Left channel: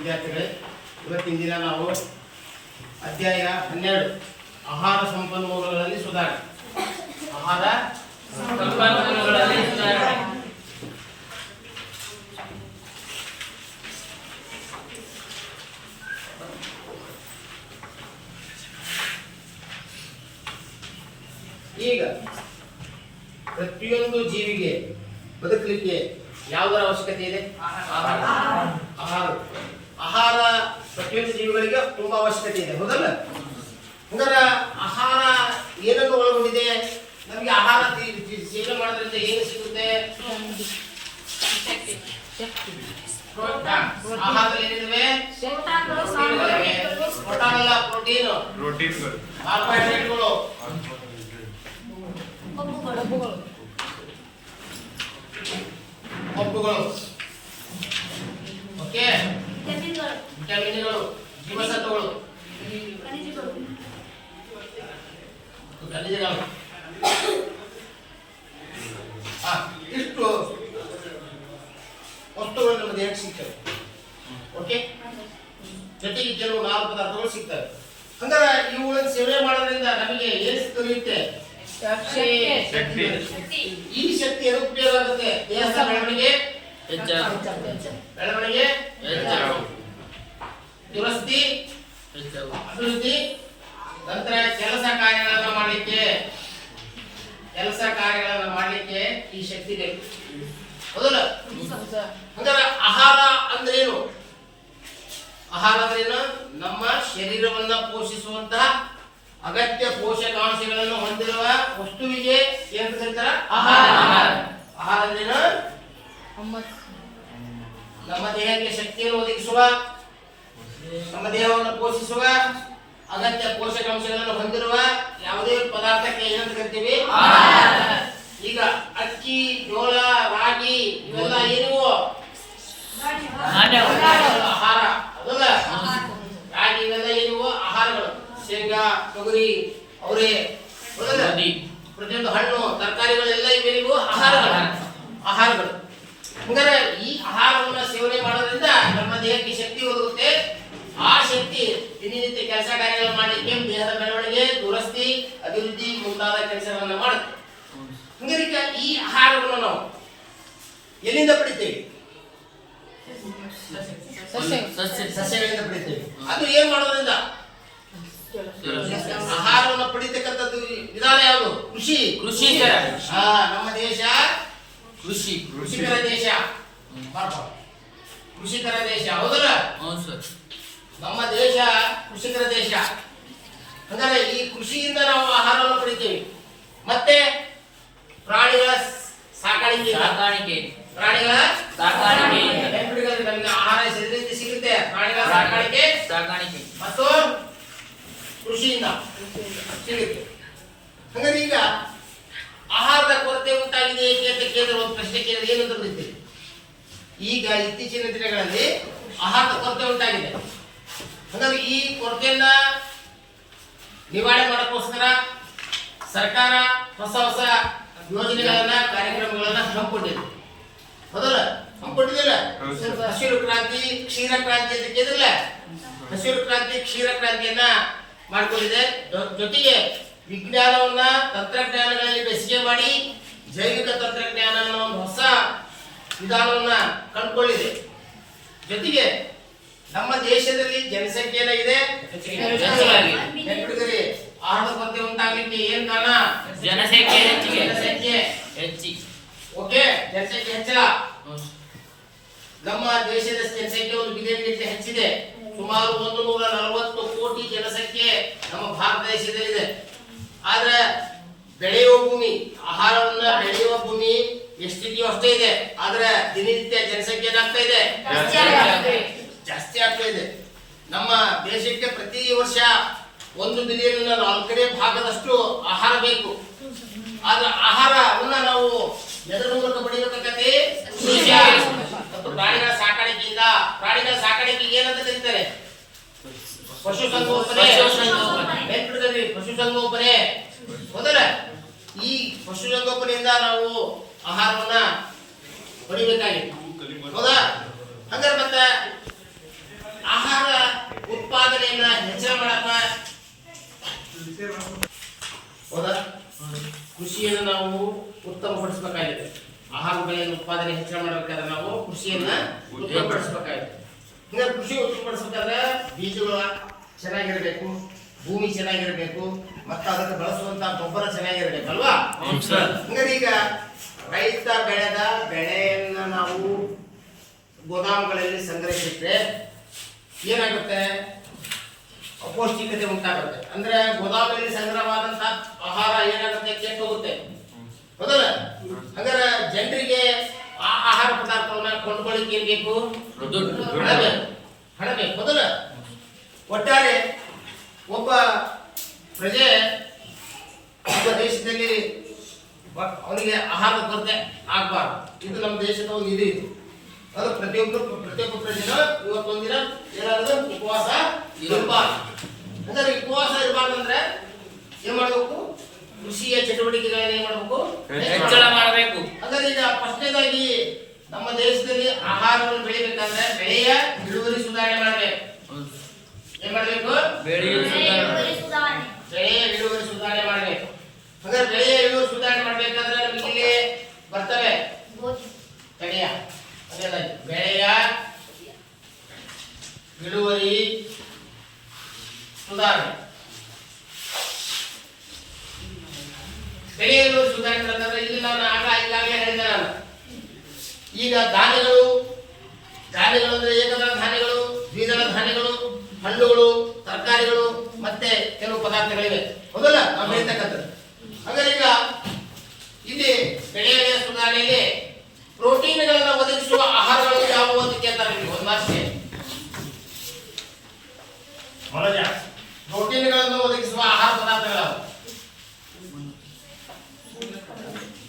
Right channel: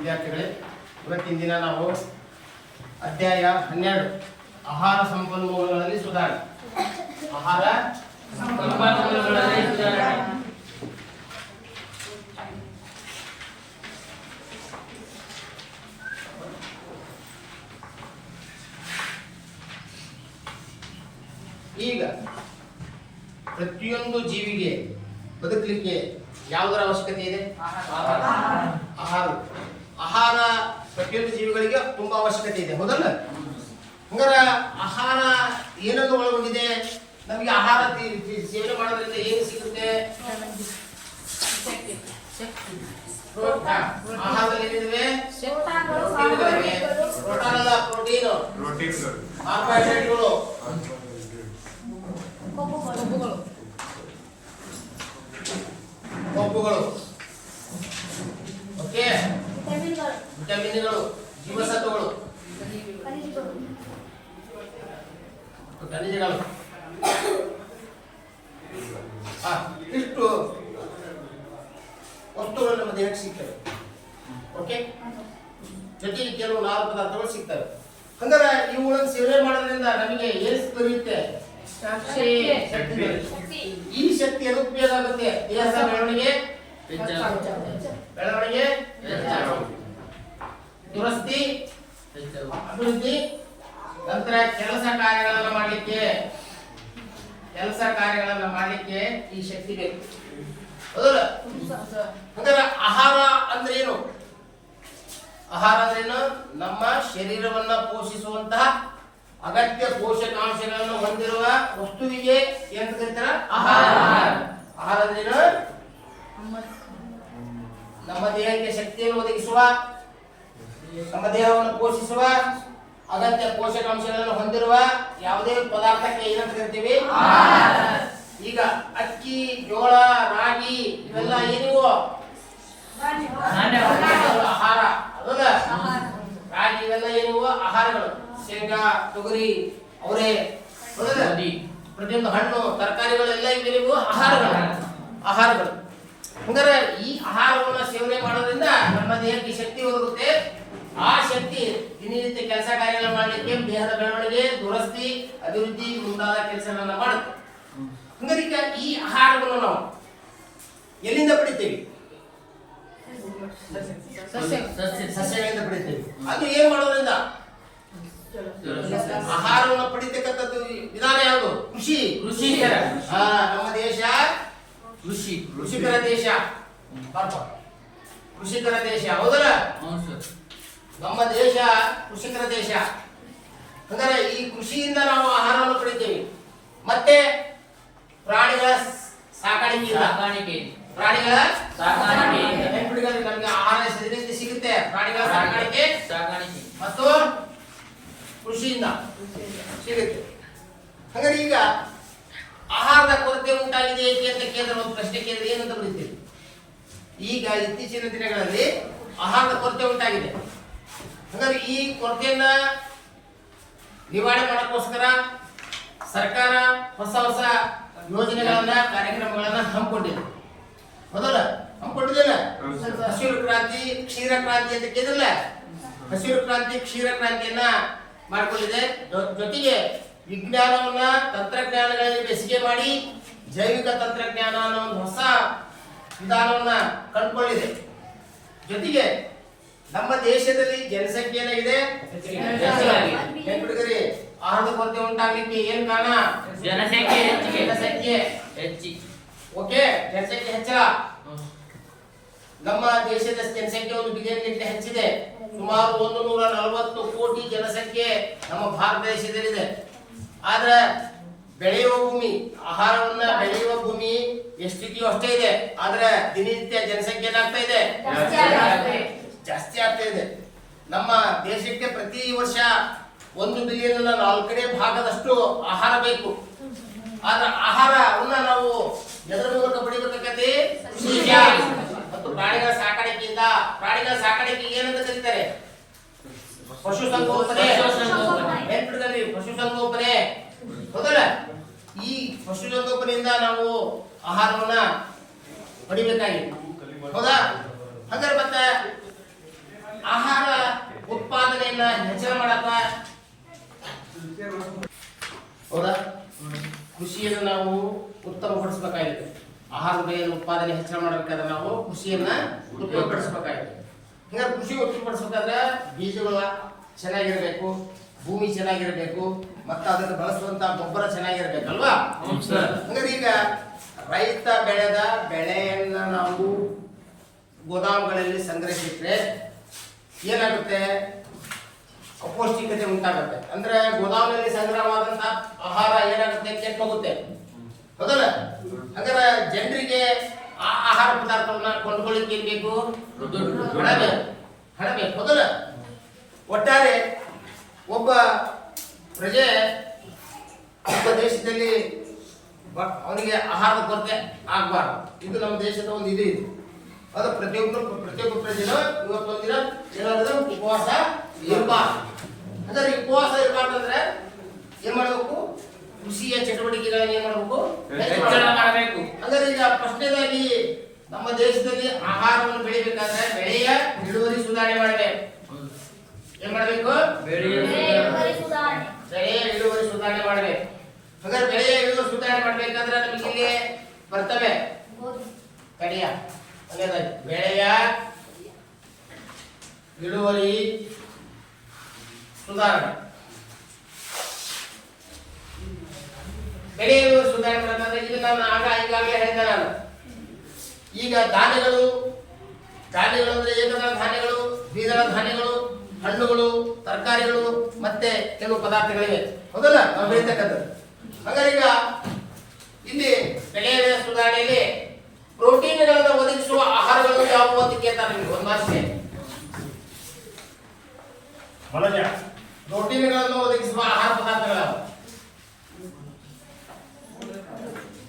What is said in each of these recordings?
ವಿದ್ಯಾರ್ಥಿಗಳೇ, ಇವತ್ತಿನ ದಿನ ನಾವು ಅಧ್ಯಾಯ 12 ಆಹಾರ ಸಂಪನ್ಮೂಲಗಳಲ್ಲಿ ಸುಧಾರಣೆ. ಆಹಾರ ಸಂಪನ್ಮೂಲಗಳಲ್ಲಿ ಸುಧಾರಣೆ. ಈಗ ಪ್ರತಿಯೊಂದು ಜೀವಿಗೆ ಬದುಕಲಿಕ್ಕೆ ಯಾವುದರ ಅವಶ್ಯಕತೆ ಇದೆ? ಆಹಾರ. ಆಹಾರ ಪ್ರತಿಯೊಂದು ಜೀವಿಗಳಿಗೆ ತುಂಬಾ ಅವಶ್ಯಕತೆ ಇದೆ, ಹೌದಲ್ಲ? ಹಂಗಾರ ಆಹಾರ ಏನನ್ನು ಒಳಗೊಂಡಿದೆ? ನಮಗೆ ಆಹಾರ ಸೇವನೆ ಮಾಡೋದ್ರಿಂದ ಏನು ಸಿಗುತ್ತೆ? ಆಹಾರದಲ್ಲಿ ಏನಿದೆ? ಪ್ರೋಟೀನ್ ಅಲ್ಲ, ಪ್ರೋಟೀನ್, ಕಾರ್ಬೋಹೈಡ್ರೇಟ್ಗಳು, ಕೊಬ್ಬುಗಳು, ಓಕೆ, ವಿಟಮಿನ್ಗಳು, ಜೀವಸತ್ವಗಳು, ಖನಿಜಗಳು. ಇಷ್ಟು ವಸ್ತುಗಳು ನಮ್ಮ ದೇಹಕ್ಕೆ ಸಿಗ್ತವೆ. ಓಕೆ, ಜೊತೆಗೆ ಕೆಲವು ನಾರು ಪದಾರ್ಥಗಳು ಸಿಗ್ತವೆ. ಹಂಗಾರೆ ಇವುಗಳನ್ನು ಸೇವನೆ ಮಾಡೋದ್ರಿಂದ ನಮಗೆ ಏನು ದೊರೆಯುತ್ತೆ? ಈ ಶಕ್ತಿ ಎದಕ್ಕೆ ಉಪಯೋಗ ಆಗುತ್ತೆ? ದೇಹದ ಬೆಳವಣಿಗೆ, ದುರಸ್ತಿ, ಅಭಿವೃದ್ಧಿ, ನಂತರ ಕೆಲಸ ಕಾರ್ಯಗಳನ್ನು ಮಾಡಲಿಕ್ಕೆ ಈ ಶಕ್ತಿ ಬೇಕು, ಹೌದಲ್ಲ? ಹಂಗಾರೆ ಆಹಾರ ಅಂದ್ರೆ ಏನು? ಆಹಾರ ಅಂದ್ರೇನು? ನಮ್ಮ ಶರೀರವನ್ನ ಪೋಷಿಸುವಂತಹ ಅಗತ್ಯ ಪೋಷಕಾಂಶಗಳನ್ನು ಹೊಂದಿರುವ ವಸ್ತುವಿಗೆ ಏನು ಕರೀತಾರ? ಆಹಾರ. ಆಹಾರ ಅಂದ್ರೇನು? ನಮ್ಮ ದೇಹಕ್ಕೆ ಶಕ್ತಿಯನ್ನು ಒದಗಿಸುವ, ನಮ್ಮ ದೇಹವನ್ನು ಪೋಷಿಸುವ ಅಗತ್ಯ ಪೋಷಕಾಂಶಗಳನ್ನು ಹೊಂದಿರುವ ಯಾವುದೇ ಪದಾರ್ಥಕ್ಕೆ ಏನಂತ ಕರಿತೀವಿ? ಈಗ ಅಕ್ಕಿ, ಜೋಳ, ರಾಗಿ ಇವೆಲ್ಲ ಏನಿವು? ಆಹಾರ, ಹೌದಾ? ರಾಗಿ ಇವೆಲ್ಲ ಏನಿವು? ಆಹಾರಗಳು. ಶೇಂಗಾ, ತೊಗರಿ, ಅವರೆ, ಪ್ರತಿಯೊಂದು ಹಣ್ಣು, ತರಕಾರಿಗಳೆಲ್ಲ ಇವೇನಿವು? ಆಹಾರಗಳು. ಹಂಗಾರೆ ಈ ಆಹಾರವನ್ನು ಸೇವನೆ ಮಾಡೋದ್ರಿಂದ ನಮ್ಮ ದೇಹಕ್ಕೆ ಶಕ್ತಿ ಒದಗುತ್ತೆ. ಆ ಶಕ್ತಿ ದಿನನಿತ್ಯ ಕೆಲಸ ಕಾರ್ಯಗಳನ್ನು ಮಾಡಲಿಕ್ಕೆ, ದೇಹದ ಬೆಳವಣಿಗೆ, ದುರಸ್ತಿ, ಅಭಿವೃದ್ಧಿ ಮುಂತಾದ ಕೆಲಸಗಳನ್ನ ಮಾಡುತ್ತೆ. ಹಂಗಾರೆ ಈ ಆಹಾರವನ್ನು ನಾವು ಎಲ್ಲಿಂದ ಪಡಿತೇವೆ? ಸಸ್ಯಗಳಿಂದ ಪಡಿತೇವೆ. ಅದು ಏನ್ ಮಾಡೋದ್ರಿಂದ? ಆಹಾರವನ್ನು ಪಡಿತಕ್ಕಂಥದ್ದು ವಿಧಾನ ಯಾವುದು? ಕೃಷಿ. ನಮ್ಮ ದೇಶ ಕೃಷಿಕರ ದೇಶ, ಕೃಷಿಕರ ದೇಶ, ಹೌದಲ್ಲ? ನಮ್ಮ ದೇಶ ಕೃಷಿಕರ ದೇಶ. ಅಂದರೆ ಈ ಕೃಷಿಯಿಂದ ನಾವು ಆಹಾರವನ್ನು ಪಡಿತೇವೆ. ಮತ್ತೆ ಪ್ರಾಣಿಗಳ ಸಾಕಾಣಿಕೆ, ನಮಗೆ ಆಹಾರ ಸಿಗುತ್ತೆ. ಪ್ರಾಣಿಗಳ ಸಾಕಾಣಿಕೆ ಮತ್ತು ಕೃಷಿಯಿಂದ ಸಿಗುತ್ತೆ. ಹಾಗಾದ್ರೆ ಈಗ ಆಹಾರದ ಕೊರತೆ ಉಂಟಾಗಿದೆ ಏಕೆ ಅಂತ ಕೇಂದ್ರ ಒಂದು ಪ್ರಶ್ನೆ ಕೇಳಿದ್ರೆ ಏನಂತ ಬರೀತೀವಿ? ಈಗ ಇತ್ತೀಚಿನ ದಿನಗಳಲ್ಲಿ ಆಹಾರದ ಕೊರತೆ ಉಂಟಾಗಿದೆ. ಹಾಗಾದ್ರೆ ಈ ಕೊರತೆಯನ್ನ ನಿವಾರಣೆ ಮಾಡೋಕ್ಕೋಸ್ಕರ ಸರ್ಕಾರ ಹೊಸ ಯೋಜನೆಗಳನ್ನ, ಕಾರ್ಯಕ್ರಮಗಳನ್ನ ಹಮ್ಮಿಕೊಂಡಿದೆ, ಹೌದಲ್ಲ? ಹಮ್ಮಿಕೊಂಡಿದ್ದಿಲ್ಲ? ಹಸಿರು ಕ್ರಾಂತಿ, ಕ್ಷೀರ ಕ್ರಾಂತಿ ಅಂತ ಕೇಳಿದ್ರಲ್ಲ, ಹಸಿರು ಕ್ರಾಂತಿ, ಕ್ಷೀರ ಕ್ರಾಂತಿಯನ್ನ ಮಾಡಿಕೊಂಡಿದೆ. ಜೊತೆಗೆ ವಿಜ್ಞಾನವನ್ನ, ತಂತ್ರಜ್ಞಾನಗಳಲ್ಲಿ ಬೆಸಿಗೆ ಮಾಡಿ ಜೈವಿಕ ತಂತ್ರಜ್ಞಾನ ಅನ್ನೋ ಒಂದು ಹೊಸ ವಿಧಾನವನ್ನ ಕಂಡುಕೊಂಡಿದೆ. ಜೊತೆಗೆ ನಮ್ಮ ದೇಶದಲ್ಲಿ ಜನಸಂಖ್ಯೆ ಏನಾಗಿದೆ? ಆಹಾರದ ಕೊರತೆ ಉಂಟಾಗಲಿಕ್ಕೆ ಏನ್ ಕಾರಣ? ಜನಸಂಖ್ಯೆ ಓಕೆ, ಜನಸಂಖ್ಯೆ ಹೆಚ್ಚಳ. ನಮ್ಮ ದೇಶದ ಜನಸಂಖ್ಯೆ 1 ಬಿಲಿಯನ್ಗಿಂತ ಹೆಚ್ಚಿದೆ. ಸುಮಾರು 140 ಕೋಟಿ ಜನಸಂಖ್ಯೆ ನಮ್ಮ ಭಾರತ ದೇಶದಲ್ಲಿದೆ. ಆದ್ರೆ ಬೆಳೆಯುವ ಭೂಮಿ, ಆಹಾರವನ್ನ ಬೆಳೆಯುವ ಭೂಮಿ ಎಷ್ಟಿದೆಯೋ ಅಷ್ಟೇ ಇದೆ. ಆದ್ರೆ ದಿನನಿತ್ಯ ಜನಸಂಖ್ಯೆ ಏನಾಗ್ತಾ ಇದೆ? ಜಾಸ್ತಿ ಆಗ್ತಾ ಇದೆ. ನಮ್ಮ ದೇಶಕ್ಕೆ ಪ್ರತಿ ವರ್ಷ 1 ಬಿಲಿಯನ್ 4ನೇ ಭಾಗದಷ್ಟು ಆಹಾರ ಬೇಕು. ಆದ್ರೆ ಆಹಾರವನ್ನ ನಾವು ಎದರ ಮೂಲಕ ಪಡೆಯಬೇಕಾಗತ್ತೆ? ಮತ್ತು ಪ್ರಾಣಿಗಳ ಸಾಕಾಣಿಕೆಯಿಂದ. ಪ್ರಾಣಿಗಳ ಸಾಕಾಣಿಕೆಗೆ ಏನಂತ ಕರೀತಾರೆ? ಪಶುಸಂಗೋಪನೆ. ಪಶುಸಂಗೋಪನೆ, ಹೌದಲ್ಲ? ಈ ಪಶುಸಂಗೋಪನೆಯಿಂದ ನಾವು ಆಹಾರವನ್ನ ಪಡಿಬೇಕಾಗಿದೆ, ಹೌದಾ? ಹಂಗಾರೆ ಮತ್ತೆ ಉತ್ಪಾದನೆಯನ್ನ ಹೆಚ್ಚಳ ಮಾಡಕ ಹೌದಾ ಕೃಷಿಯನ್ನು ನಾವು ಉತ್ತಮಪಡಿಸಬೇಕಾಗಿದೆ. ಆಹಾರ ಬೆಳೆಯನ್ನು ಉತ್ಪಾದನೆ ಹೆಚ್ಚಳ ಮಾಡಬೇಕಾದ್ರೆ ನಾವು ಕೃಷಿಯನ್ನ ಉತ್ತಮಪಡಿಸಬೇಕಾಗಿದೆ. ಹಿಂಗಾದ್ರೆ ಕೃಷಿ ಉತ್ತಮಪಡಿಸಬೇಕಾದ್ರೆ ಬೀಜಗಳು ಚೆನ್ನಾಗಿರ್ಬೇಕು, ಭೂಮಿ ಚೆನ್ನಾಗಿರ್ಬೇಕು, ಮತ್ತು ಅದಕ್ಕೆ ಬಳಸುವಂತ ಗೊಬ್ಬರ ಚೆನ್ನಾಗಿರ್ಬೇಕಲ್ವಾ? ಹಂಗಾರೆ ಈಗ ರೈತ ಬೆಳೆದ ಬೆಳೆಯನ್ನ ನಾವು ಗೋದಾಮುಗಳಲ್ಲಿ ಸಂಗ್ರಹಿಸಿಟ್ರೆ ಏನಾಗುತ್ತೆ? ಅಪೌಷ್ಟಿಕತೆ ಉಂಟಾಗುತ್ತೆ. ಅಂದ್ರೆ ಗೋದಾಮಲ್ಲಿ ಸಂಗ್ರಹವಾದಂತ ಆಹಾರ ಏನಾಗುತ್ತೆ? ಕೆಟ್ಟು ಹೋಗುತ್ತೆ, ಹೌದಲ್ಲ? ಹಾಗಾದ್ರೆ ಜನರಿಗೆ ಆ ಆಹಾರ ಪದಾರ್ಥವನ್ನ ಕೊಂಡ್ಕೊಳ್ಳಿಕ್ಕೆ ಏನ್ ಬೇಕು? ಹಣ ಬೇಕು, ಹೌದಲ್ಲ? ಒಟ್ಟಾರೆ ಒಬ್ಬ ಪ್ರಜೆ ದೇಶದಲ್ಲಿ ಅವನಿಗೆ ಆಹಾರದ ಕೊರತೆ ಆಗಬಾರ್ದು. ಇದು ನಮ್ಮ ದೇಶದ ಒಂದು ಇದು. ಅದು ಪ್ರತಿಯೊಬ್ಬ ಪ್ರಜೆನ ಇವತ್ತೊಂದಿನ ಏನಾದ್ರು ಉಪವಾಸ ಇರಬಾರ್ದು. ಅಂದ್ರೆ ಉಪವಾಸ ಇರಬಾರ್ದು ಅಂದ್ರೆ ಏನ್ ಮಾಡ್ಬೇಕು? ಕೃಷಿಯ ಚಟುವಟಿಕೆಗಳನ್ನ ಏನ್ ಮಾಡ್ಬೇಕು? ಹೆಚ್ಚಳ ಮಾಡಬೇಕು. ಅಂದ್ರೆ ಈಗ ಫಸ್ಟ್ನೇದಾಗಿ ನಮ್ಮ ದೇಶದಲ್ಲಿ ಆಹಾರವನ್ನು ಬೆಳಿಬೇಕಾದ್ರೆ ಬೆಳೆಯ ಇಳುವರಿ ಸುಧಾರಣೆ ಮಾಡಬೇಕು. ಏನ್ ಮಾಡ್ಬೇಕು? ಬೆಳೆಯ ಇಳುವರಿ ಸುಧಾರಣೆ ಮಾಡಬೇಕು. ಹಾಗಾದ್ರೆ ಬೆಳೆಯ ಇಳುವರಿ ಸುಧಾರಣೆ ಮಾಡ್ಬೇಕಾದ್ರೆ ನಮಗೆ ಬರ್ತವೆ ತಡೆಯ ಬೆಳೆಯ ಇಳುವರಿ ಸುಧಾರಣೆ. ಬೆಳೆಯ ಇಳುವರಿ ಸುಧಾರಣೆ ಮಾಡ್ಬೇಕಾದ್ರೆ ಇಲ್ಲಿ ನಾನು ಈಗಾಗಲೇ ಹೇಳಿದ ನಾನು ಈಗ ಧಾನ್ಯಗಳು ಅಂದ್ರೆ ಏಕದಳ ಧಾನ್ಯಗಳು, ದ್ವಿದಳ ಧಾನ್ಯಗಳು, ಹಣ್ಣುಗಳು, ತರಕಾರಿಗಳು ಮತ್ತೆ ಕೆಲವು ಪದಾರ್ಥಗಳಿವೆ, ಹೌದಲ್ಲ? ನಾವು ಬೆಳಿತಕ್ಕಂಥದ್ದು. ಹಾಗಾದ್ರೆ ಈಗ ಇಲ್ಲಿ ಬೆಳೆಯ ಸುಧಾರಣೆಯಲ್ಲಿ ಪ್ರೋಟೀನ್ಗಳನ್ನು ಒದಗಿಸುವ ಆಹಾರಗಳು ಯಾವುವು ಅಂತ ಕೇಳ್ತಾರೆ. ನೀವು ಒಂದು ಮಾತಿಗೆ ಪ್ರೋಟೀನ್ಗಳನ್ನು ಒದಗಿಸುವ ಆಹಾರ ಪದಾರ್ಥಗಳು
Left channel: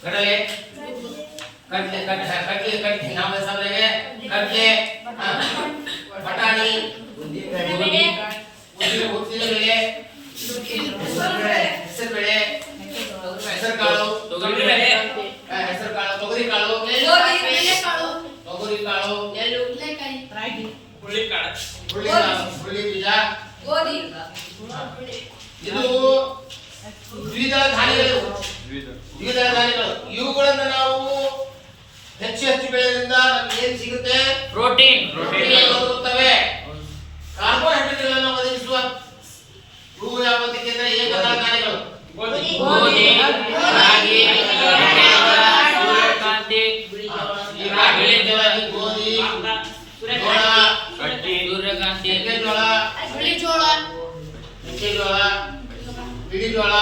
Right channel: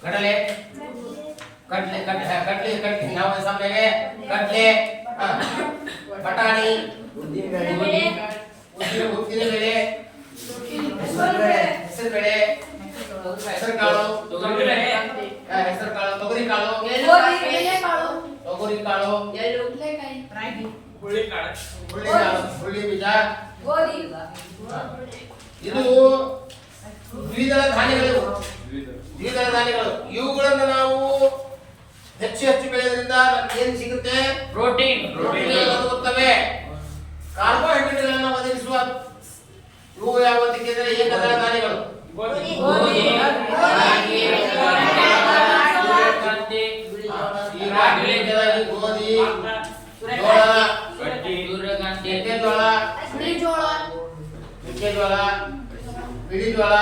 ಕಡಲೆ ನಾವು ಸಾಮಾನ್ಯವಾಗಿ ಕಡಲೆ, ಬಟಾಣಿ, ಉದ್ದಿನ ಬೆಳೆ, ಹೆಸರುಬೇಳೆ, ಹೆಸರುಕಾಳು, ತೊಗರಿಕಾಳು, ಹುರುಳಿಬೀಜ, ಇದು ದ್ವಿದಳ ಧಾನ್ಯಗಳು. ಇವುಗಳನ್ನು ನಾವು ಹೆಚ್ಚು ಬೆಳೆಯೋದ್ರಿಂದ ನಮ್ಗೆ ಏನ್ ಸಿಗುತ್ತೆ? ಪ್ರೋಟೀನ್ ಒದಗುತ್ತವೆ. ಕಾರ್ಬೋಹೈಡ್ರೇಟ್ಗಳನ್ನು ಒದಗಿಸುವ ಇವು ಯಾವ ಏಕದಳ ಧಾನ್ಯಗಳು. ಮೆಕ್ಕೆಜೋಳ, ಬಿಳಿಜೋಳ,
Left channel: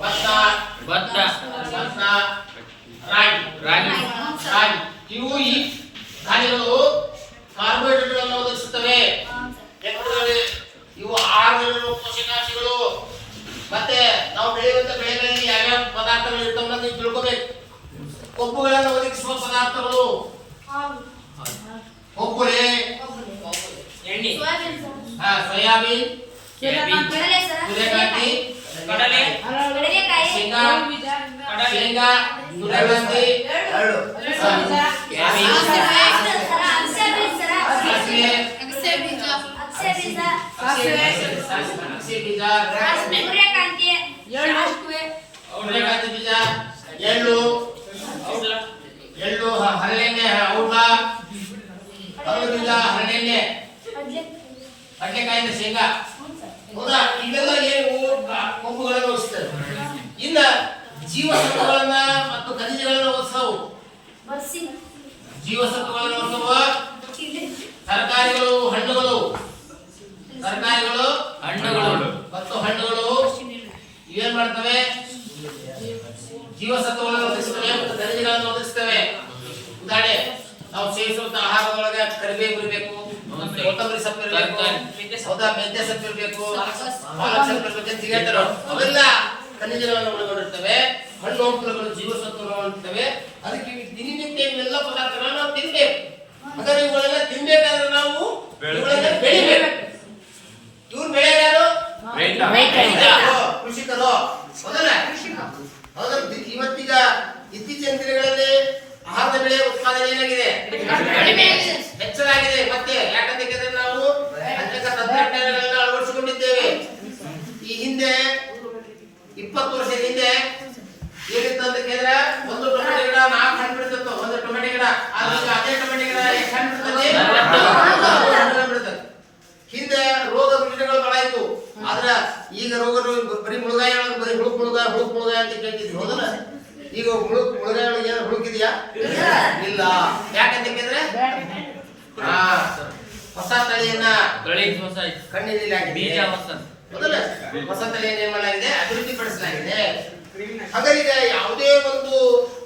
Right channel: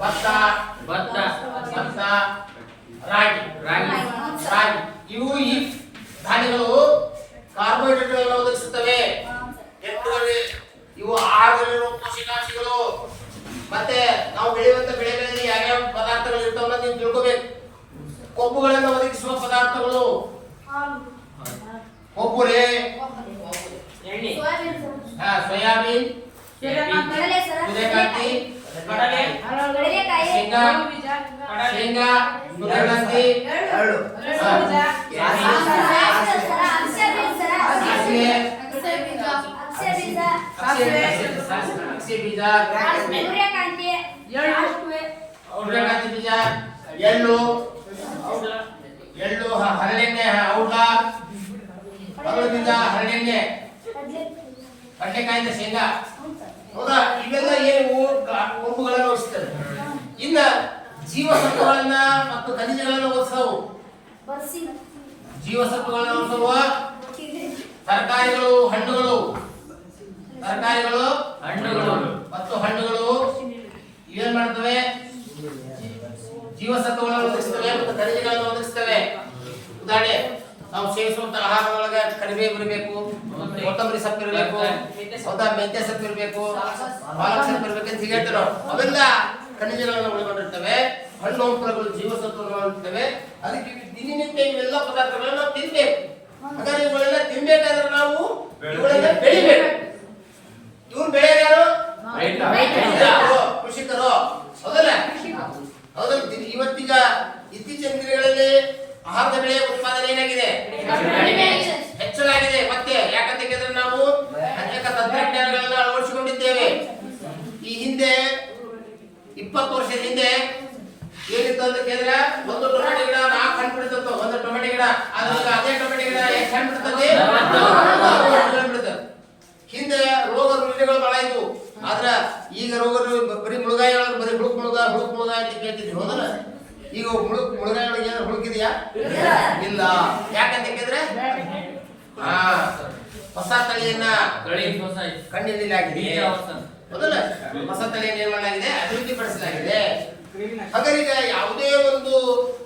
ಭತ್ತ, ರಾಗಿ. ಇವು ಈ ಧಾನ್ಯಗಳು ಕಾರ್ಬೋಹೈಡ್ರೇಟ್ಗಳನ್ನು ಒದಗಿಸುತ್ತವೆ. ಇವು ಆಹಾರದಲ್ಲಿರುವ ಪೋಷಕಾಂಶಗಳು. ಮತ್ತೆ ನಾವು ಬೆಳೆಯುವಂತ ಬೆಳೆಗಳಲ್ಲಿ ಯಾವ್ಯಾವ ಪದಾರ್ಥಗಳು ಇರ್ತಾವನ್ನ ನೀವು ತಿಳ್ಕೋಬೇಕು. ಕೊಬ್ಬುಗಳನ್ನು ಒದಗಿಸುವ ಪದಾರ್ಥಗಳು ಕೊಬ್ಬುಲೆ, ಸೋಯಾಬೀನ್, ಸೂರ್ಯಕಾಂತಿ, ಶೇಂಗಾ, ಸೂರ್ಯಕಾಂತಿ, ಸೂರ್ಯಕಾಂತಿ ಬೀಜ, ಎಳ್ಳು, ಹರಳೆಣ್ಣೆ, ಹರಳು ಬೀಜ, ಹರಳೆಣ್ಣೆ, ಕಡ್ಲೆಕಾಯಿಂದ ಶೇಂಗಾ, ಹೌದಾ? ಇವೆಲ್ಲ ಏನು ಕೊಬ್ಬುಗಳನ್ನು ಒದಗಿಸ್ತವೆ. ಇನ್ನ ಜೀವಸತ್ವಗಳನ್ನ ಮತ್ತು ಖನಿಜಗಳನ್ನು ಒದಗಿಸವು. ಜೀವಸತ್ವಗಳನ್ನು ಒದಗಿಸುವ ತರಕಾರಿಗಳು, ಹಣ್ಣುಗಳು ಮತ್ತು ಹಣ್ಣುಗಳು ಇವೇನ್ ಮಾಡ್ತವೆ? ಜೀವಸತ್ವಗಳನ್ನು ಒದಗಿಸ್ತವೆ ಮತ್ತು ಖನಿಜಗಳನ್ನು ಒದಗಿಸ್ತವೆ. ಉದಾಹರಣೆ, ನಾವು ಸೇವಿಸುವಂತ ಆಹಾರದೊಳಗೆ ಕರಿಬೇವು ಇರಬೇಕು, ಕೊತ್ತಂಬರಿ ಸೊಪ್ಪು ಇರಬೇಕು, ಹೌದಾ? ಮೆಂತ್ಯ ಸೊಪ್ಪು ಇರಬೇಕು, ಪಾಲಕ್ ಸೊಪ್ಪು ಇರಬೇಕು ಅಂತ ಹೇಳ್ತಾರೆ. ಅವೆಲ್ಲ ಖನಿಜಗಳನ್ನು ಒಳಗೊಂಡಿರ್ತವೆ. ಹಣ್ಣು ಹಂಪಲುಗಳು ಜೀವಸತ್ವಗಳನ್ನು ಇರ್ತವೆ. ಅದಕ್ಕೆ ದಿನನಿತ್ಯ ಇವೆಲ್ಲ ಪದಾರ್ಥಗಳನ್ನು ನಾವು ತಿನ್ಬೇಕು. ಹಾಗಾದ್ರೆ ಇವುಗಳೆಲ್ಲ ತಿನ್ಬೇಕಾದ್ರೆ ನಾವು ಇವುಗಳನ್ನ ಬೆಳಿಬೇಕು. ಇವ್ರು ಬೆಳೆಯೋದು ಯಾರು? ಕೃಷಿಕರು, ಹೌದಲ್ಲ? ಇವತ್ತೀಗ ಇತ್ತೀಚಿನ ದಿನಗಳಲ್ಲಿ ಆಹಾರದ ಬೆಳೆಯ ಉತ್ಪಾದನೆ ಏನಾಗಿದೆ? ಹೆಚ್ಚಾಗಿದೆ. ಮತ್ತೆ ಯಾಕಂತ ಕೇಳಿದ್ರೆ ನಾವು ಮಾಡಿದ್ದೇವೆ. ಈ ಹಿಂದೆ 20 ವರ್ಷದ ಹಿಂದೆ ಏನಿತ್ತು ಅಂತ ಕೇಳಿದ್ರೆ ಒಂದು ಟೊಮೆಟೊ ಗಿಡ 4 ಹಣ್ಣು ಬಿಡ್ತದೆ. ಒಂದು ಟೊಮೆಟೊ ಗಿಡ ಅದೇ ಟೊಮೆಟೊ ಗಿಡ ಎಷ್ಟು ಹಣ್ಣು ಬಿಡ್ತದೆ? 4 ಹಣ್ಣು ಬಿಡ್ತದೆ. ಹಿಂದೆ ರೋಗ ರುಜಿನಗಳು ಬಹಳ ಇತ್ತು. ಆದ್ರೆ ಈಗ ರೋಗಗಳು ಬರೀ ಮುಳುಗಾಯಿ ಒಳಗೆ ಬರೀ ಹುಳುಕ್ ಮುಳುಗಾಯಿ ಅಂತ ಕೇಳ್ತಿದ್ರು. ಹೌದಲ್ಲ? ಈಗ ಮುಳುಗಾಯಿ ಒಳಗೆ ಏನಾದ್ರು ಹುಳುಕಿದೆಯಾ? ಇಲ್ಲ. ಯಾಕಂತ ಕೇಳಿದ್ರೆ ಹೊಸ ತಳಿಯನ್ನ ಕಣ್ಣಿನಲ್ಲಿ ಆಗಿದೆ. ಮೊದಲ ಹೊಸ ತಳಿಯನ್ನು ಏನ್ ಮಾಡಲಾಗಿದೆ? ಅಭಿವೃದ್ಧಿಪಡಿಸಲಾಗಿದೆ. ಹಾಗಾದ್ರೆ ಯಾವುದೇ ಒಂದು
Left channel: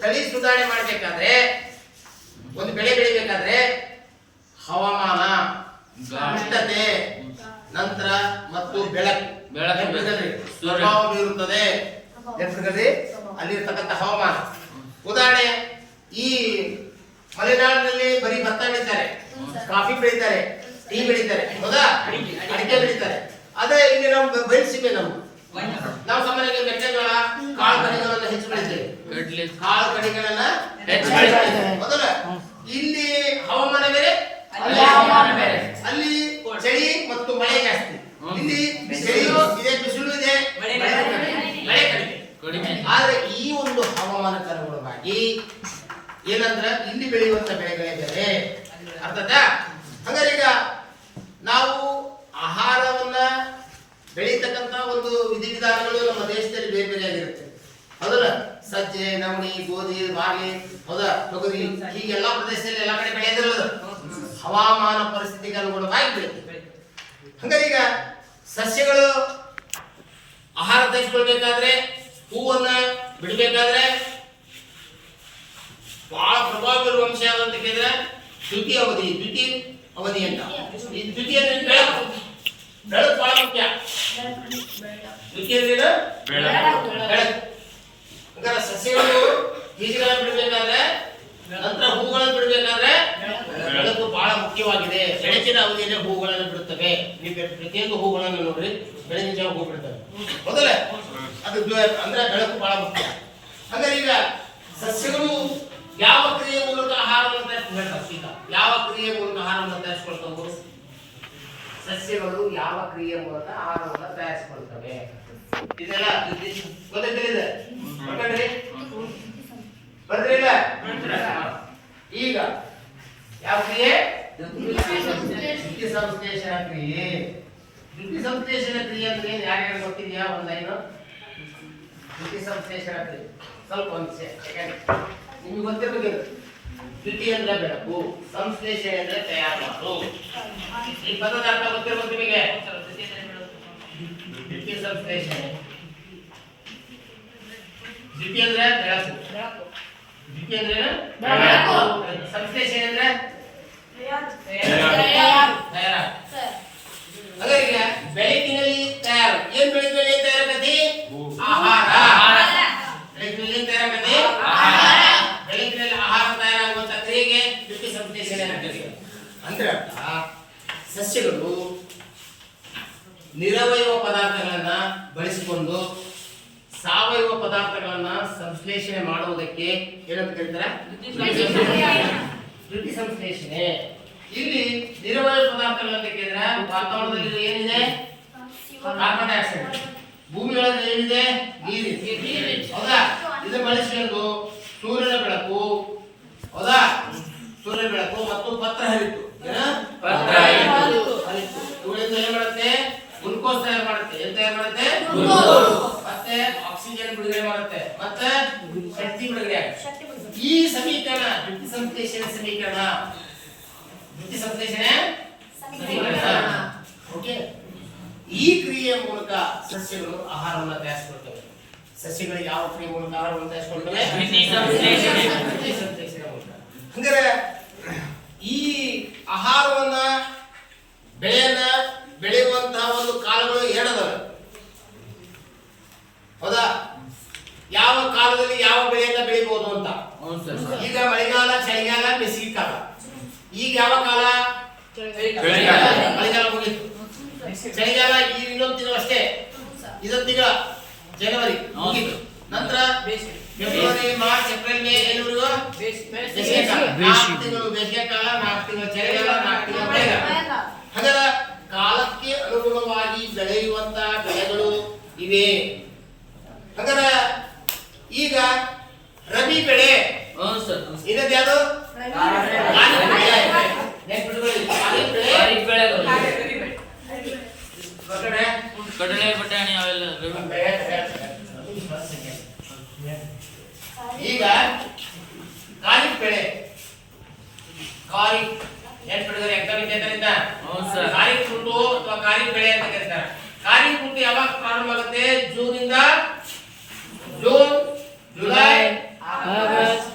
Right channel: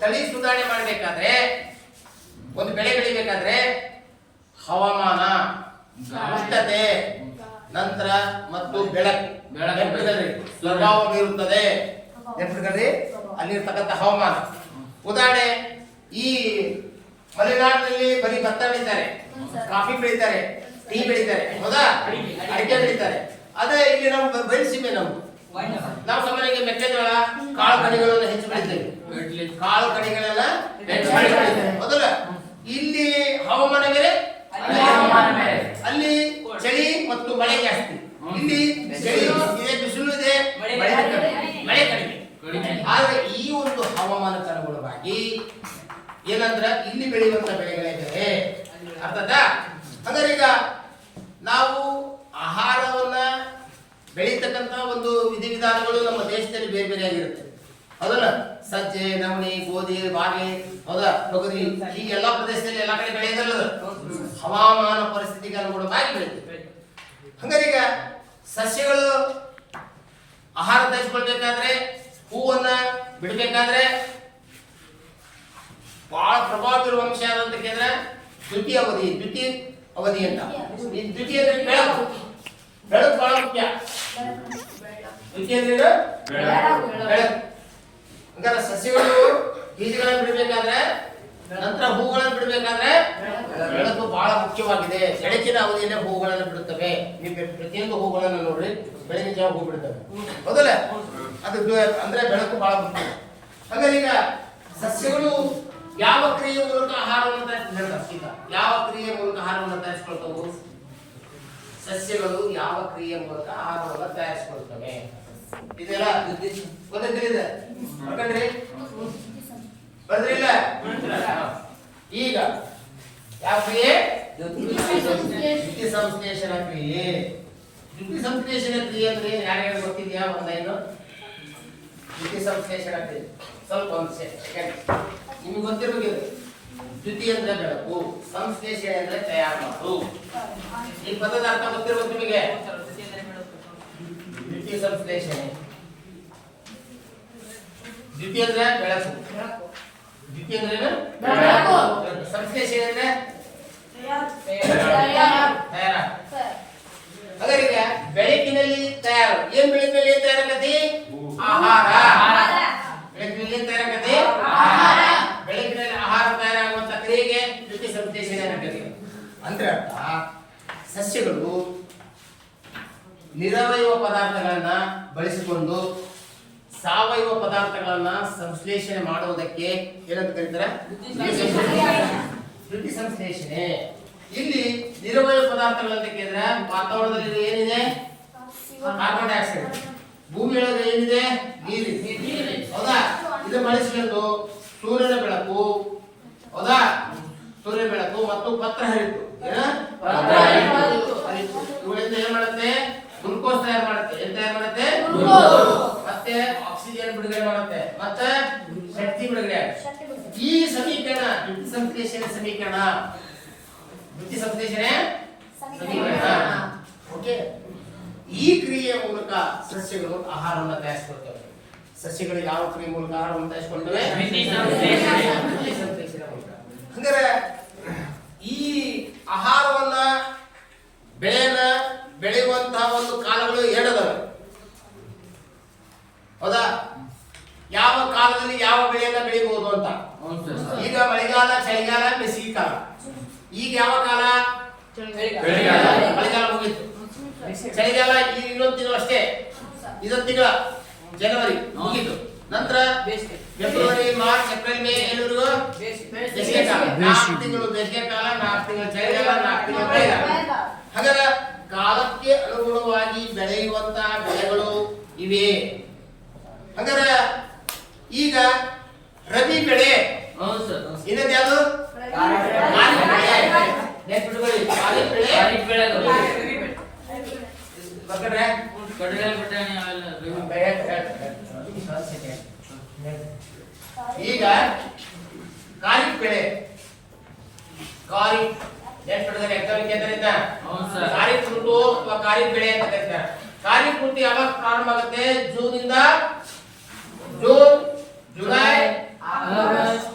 ತಳಿ ಸುಧಾರಣೆ ಮಾಡಬೇಕಾದ್ರೆ, ಒಂದು ಬೆಳೆ ಬೆಳಿಬೇಕಾದ್ರೆ ಹವಾಮಾನ, ಉಷ್ಣತೆ, ನಂತರ ಮತ್ತು ಬೆಳಕು ಪ್ರಭಾವ ಬೀರುತ್ತದೆ. ಅಲ್ಲಿರ್ತಕ್ಕಂಥ ಹವಾಮಾನ. ಉದಾಹರಣೆ, ಈ ಮಲೆನಾಡಿನಲ್ಲಿ ಬರೀ ಭತ್ತ ಬೆಳೀತಾರೆ, ಕಾಫಿ ಬೆಳೀತಾರೆ, ಟೀ ಬೆಳೀತಾರೆ, ಹೌದಾ? ಅಡಿಕೆ ಬೆಳೀತಾರೆ. ಅದೇ ಇಲ್ಲಿ ನಾವು ಬಯಸಿವೆ. ನಾವು ಸಾಮಾನ್ಯವಾಗಿ ಮೆಕ್ಕೆಜೋಳ, ಕಾಳು ಕಡಿಗಳನ್ನ ಹೆಚ್ಚು ಬೆಳಿತೇವೆ. ಕಾಳು ಕಡಿಗಳನ್ನ ಹೆಚ್ಚು ಬೆಳಿತೇವೆ. ಮೊದಲ ಇಲ್ಲಿ ಹವಾಮಾನ ಬೇರೆ, ಅಲ್ಲಿ ಚಳಿ ಮತ್ತು ಮಳೆ ಜಾಸ್ತಿ. ಇಲ್ಲಿ ಚಳಿ ಇದೆ, ಬಿಸಿಲು ಇದೆ, ಮಳೆ ಕಡಿಮೆ. ಆದ್ರೆ ಈ ಒಂದು ಹವಾಮಾನಕ್ಕೆ ಅನುಗುಣವಾಗಿ ಏನಂದ್ರ ಇಲ್ಲಿ ಬೆಳೆಯುವಂತ ಬೆಳೆಗಳೇ ಬೇರೆ. ಅರ್ಥಾತ್ ಹಂಗಾರೆ ಈಗ ನಾವು ಆಹಾರವನ್ನ ಬೆಳೀತಕ್ಕಂತ ಒಂದು ವಿಧಿವಿಧಾನಗಳು ನಮ್ಮ ದೇಶದಲ್ಲಿ ಬೇರೆ ಬೇರೆ ಆಗಿರುತ್ತೆ. ಹೌದಲ್ಲ? ಸಜ್ಜೆ, ನವಣಿ, ಗೋಧಿ, ಬಾರ್ಲಿ, ಹೌದಾ, ತೊಗರಿ, ಹೀಗೆಲ್ಲ ಪ್ರದೇಶದಲ್ಲಿ ಎಲ್ಲ ಕಡೆ ಬೆಳೆಯೋದಿಲ್ಲ. ಹವಾಮಾನ ಪರಿಸ್ಥಿತಿಗೆ ಅನುಗುಣವಾಗಿ ಬೆಳೀತದೆ. ಹಂಗಾರೆ ಈಗ ಸಸ್ಯಗಳು ಆಹಾರ ತಯಾರಿಸಿಕೊಳ್ಬೇಕಾದ್ರೆ, ಹೂವನ್ನ ಬಿಡಬೇಕಾದ್ರೆ ಬಹಳ ಪ್ರಭಾವ ಬೀರುವ ಅಂಶ ಯಾವುದು ಕೇಳಿದ್ರೆ ದ್ವಿತೀಯ ಅವಧಿ ಅಂತ. ಈ ದ್ವಿತೀಯ ಬೆಳಕು ಬಹಳ ಮುಖ್ಯ. ದ್ವಿತೀಯ ಬೆಳಕು. ಹಂಗಾರೆ ಸಸ್ಯಗಳು ಬೀಜಗಳನ್ನು ಬಿಡಬೇಕಾದ್ರೆ, ನಂತರ ಹೂಗಳನ್ನು ಬಿಡಬೇಕಾದ್ರೆ ಬೆಳಕು ಬಹಳ ಮುಖ್ಯವಾಗಿದೆ. ಬೆಳಕಿನ ಅವಧಿಯಲ್ಲೇ ಹೂಗಳನ್ನು ಬಿಡುತ್ತವೆ. ನೀವು ಪ್ರತಿಯೊಂದು ಹೂಗಳನ್ನು ನೋಡ್ರಿ, ಬೆಳಗಿನ ಜಾವ ಹೂ ಬಿಡ್ತವೆ, ಹೌದಲ್ಲ? ಅದು ಅಂದ್ರೆ ಬೆಳಕು ಬಹಳ ಮುಖ್ಯ. ಹಾಗಾದ್ರೆ ಈಗ ಸಸ್ಯಗಳು ಯಾವ ಕ್ರಿಯೆ ಮೂಲಕ ಆಹಾರವನ್ನು ತಯಾರಿಸ್ಕೊಳ್ತಾವೆ? ಯಾವ ಕ್ರಿಯೆ ಮೂಲಕ ಆಹಾರವನ್ನು ತಯಾರಿಸ್ಕೊಳ್ತಾವೆ? ಸಸ್ಯಗಳು ಯಾವ ಕ್ರಿಯೆ ಮೂಲಕ ಆಹಾರವನ್ನು ತಯಾರಿಸಿಕೊಳ್ತವೆ? ಇದೆಲ್ಲ ಗೊತ್ತಿದೆ. ಬಂದ್ರಿಲ್ಲ? ಈಗ ಯಾವ ಕ್ರಿಯೆ? ದ್ಯುತಿ ಸಂಶ್ಲೇಷಣ ಕ್ರಿಯೆ. ದ್ಯುತಿ ಸಂಶ್ಲೇಷಣ ಕ್ರಿಯೆ ಅಂದ್ರೆ ಯಾರ್ಯಾರು ಗೊತ್ತಿದ್ಯಾ? ಒಂದೈನು ದ್ಯುತಿ ಸಂಶ್ಲೇಷಣ ಕ್ರಿಯೆ ಸ್ವಲ್ಪ ಒಂದು ಸೆಕೆಂಡ್ ನಿಮಗೆ ಗೊತ್ತಿರಬೇಕು. ದ್ಯುತಿ ಅಂದ್ರೆ ಬೆಳಕು, ಸಂಶ್ಲೇಷಣೆ ಅಂದ್ರೆ ತಯಾರು ಮಾಡೋದು. ಈ ಪದದ ಅರ್ಥ ಗೊತ್ತಿರೋದು ನಿಮಗೆ? ದ್ಯುತಿ ಸಂಶ್ಲೇಷಣೆ, ದ್ಯುತಿ ಅಂದ್ರೆ ಬೆಳಕು, ದ್ಯುತಿ ಅಂದ್ರೆ ಬೆಳಕು, ಸಂಶ್ಲೇಷಣೆ ಅಂದ್ರೆ ಹಾಗಾಗಿ ಬೆಳಕಿನಲ್ಲಿ ತಯಾರು. ಏನ್ ಬೆಳಕಿನಲ್ಲಿ ಏನ್ ತಯಾರಾಗತಿ? ಆಹಾರ. ಬೆಳಕಿನಲ್ಲಿ ಏನ್ ತಯಾರಾಗತಿ? ಆಹಾರ. ಬೆಳಕಿನಲ್ಲಿ ಆಹಾರ ತಯಾರಾಗುವಂತ ಕ್ರಿಯೆಗೆ ದ್ಯುತಿ ಸಂಶ್ಲೇಷಣೆ ಅಂತಾರೆ. ಅಂದ್ರೆ ಅರ್ಥ ಸಸ್ಯಗಳು ನಿರವಯವ ಪದಾರ್ಥಗಳನ್ನ ಬಳಸಿಕೊಂಡು ಸಾವಯವ ಪದಾರ್ಥಗಳನ್ನ ಸಂಶ್ಲೇಷಣೆ ಮಾಡುವುದಕ್ಕೆ ಏನಂತ ಕರೀತಾರೆ? ದ್ಯುತಿ ಸಂಶ್ಲೇಷಣೆ. ಇಲ್ಲಿ ನಿರವಯವ ಪದಾರ್ಥಗಳು ಅಂತ ಕೇಳಿದ್ರೆ ವಾತಾವರಣದಲ್ಲಿ ಏನಿದೆ? Carbon dioxide. ಭೂಮಿ ಒಳಗೆ ಏನಿದೆ? ನೀರಿದೆ, ಹೌದಾ? ಇದು ಬಳಸಿಕೊಂಡು ಸೂರ್ಯನ ಬೆಳಕು, ಹೌದಾ, ಸೂರ್ಯನ ಬೆಳಕು ಮತ್ತು ಪತ್ರ ಹರಿತು. ಇವುಗಳಿಂದ ಏನ್ ಮಾಡುತ್ತೆ? ಗ್ಲೂಕೋಸ್ ತಯಾರು ಮಾಡುತ್ತೆ. ಏನ್ ತಯಾರು ಮಾಡುತ್ತೆ? ಮತ್ತೆ ಆಕ್ಸಿಜನ್ ಬಿಡುಗಡೆ ಮಾಡುತ್ತೆ, ಮತ್ತೆ ಶಕ್ತಿ ಬಿಡುಗಡೆ ಆಗುತ್ತೆ. ಈ ಸಮೀಕರಣ ದ್ಯುತಿ ಸಂಶ್ಲೇಷಣೆ ಸಮೀಕರಣ. ದ್ಯುತಿ ಸಂಶ್ಲೇಷಣೆ ಸಮೀಕರಣ. ಓಕೆ. ಈ ಕ್ರಿಯೆಯ ಮೂಲಕ ಸಸ್ಯಗಳು ಆಹಾರವನ್ನು ತಯಾರಿಸಿಕೊಳ್ತವೆ. ಸಸ್ಯಗಳು ಯಾವ ಕ್ರಿಯೆ ಮೂಲಕ ಆಹಾರವನ್ನು ತಯಾರಿಸಿಕೊಳ್ತವೆ? ಹಂಗಾರೆ ಈ ಆಹಾರವನ್ನ ಬೆಳೆಯನ್ನ ಬೆಳೆಯುವಂತಹ ಒಂದು ಕಾಲಗಳು ಎರಡದವೆ, ಹೌದಾ? ಯಾವ ಕಾಲದಲ್ಲಿ ಯಾವ ಬೆಳೆಯನ್ನ ಬೆಳೆಯಬಹುದು ಅಂತ. ಈಗ ಮಳೆಗಾಲ, ಚಳಿಗಾಲ, ಬೇಸಿಗೆ ಕಾಲ. ಈಗ ಯಾವ ಕಾಲ? ಮಳೆಗಾಲ ಮುಗಿತು. ಚಳಿಗಾಲ ಈಗ ಇನ್ನೊಂದು ತಿಂಗಳು ಅಷ್ಟೇ, ಇದೊಂದು ತಿಂಗಳ ಜನವರಿ ಮುಗಿತು. ನಂತರ ಫೆಬ್ರವರಿ, ಮಾರ್ಚ್, ಏಪ್ರಿಲ್, ಮೇ ಎಲ್ಲರಿಗೂ ಬೇಸಿಗೆ ಕಾಲ. 4 ತಿಂಗಳು ಬೇಸಿಗೆ ಕಾಲ, 4 ತಿಂಗಳು ಚಳಿಗಾಲ, 4 ತಿಂಗಳು ಮಳೆಗಾಲ. ಹಾಗಾದ್ರೆ ಕಾಲಕ್ಕೆ ಅನುಗುಣವಾಗಿ ಬೆಳೆಯುವಂತ ಬೆಳೆಗಳು ಇವೆ. ಹಂಗಾರ ಈಗ ರಬಿ ಬೆಳೆ ಇನ್ನೊಂದು ಯಾವುದು ಕಡಲೆ ಬಟಾಣಿ ಅವೆಲ್ಲ ಈಗ ಖಾರಿಫ್ ಬೆಳೆ ಖಾರಿಫ್ ನೆನ್ಪಿಟ್ಟಿದ್ದಾರೆ ಎಕನಾಮಿಕ್ ಕೇಂದ್ರದಿಂದ ಖಾರಿಫ್ ಋತು ಅಥವಾ ಖಾರಿಫ್ ಬೆಳೆ ಅಂತ ಕರೀತಾರೆ. ಖಾರಿಫ್ ಋತು ಯಾವಾಗ ಪ್ರಾರಂಭ ಆಗುತ್ತೆ? ಜೂನ್, ಜುಲೈ,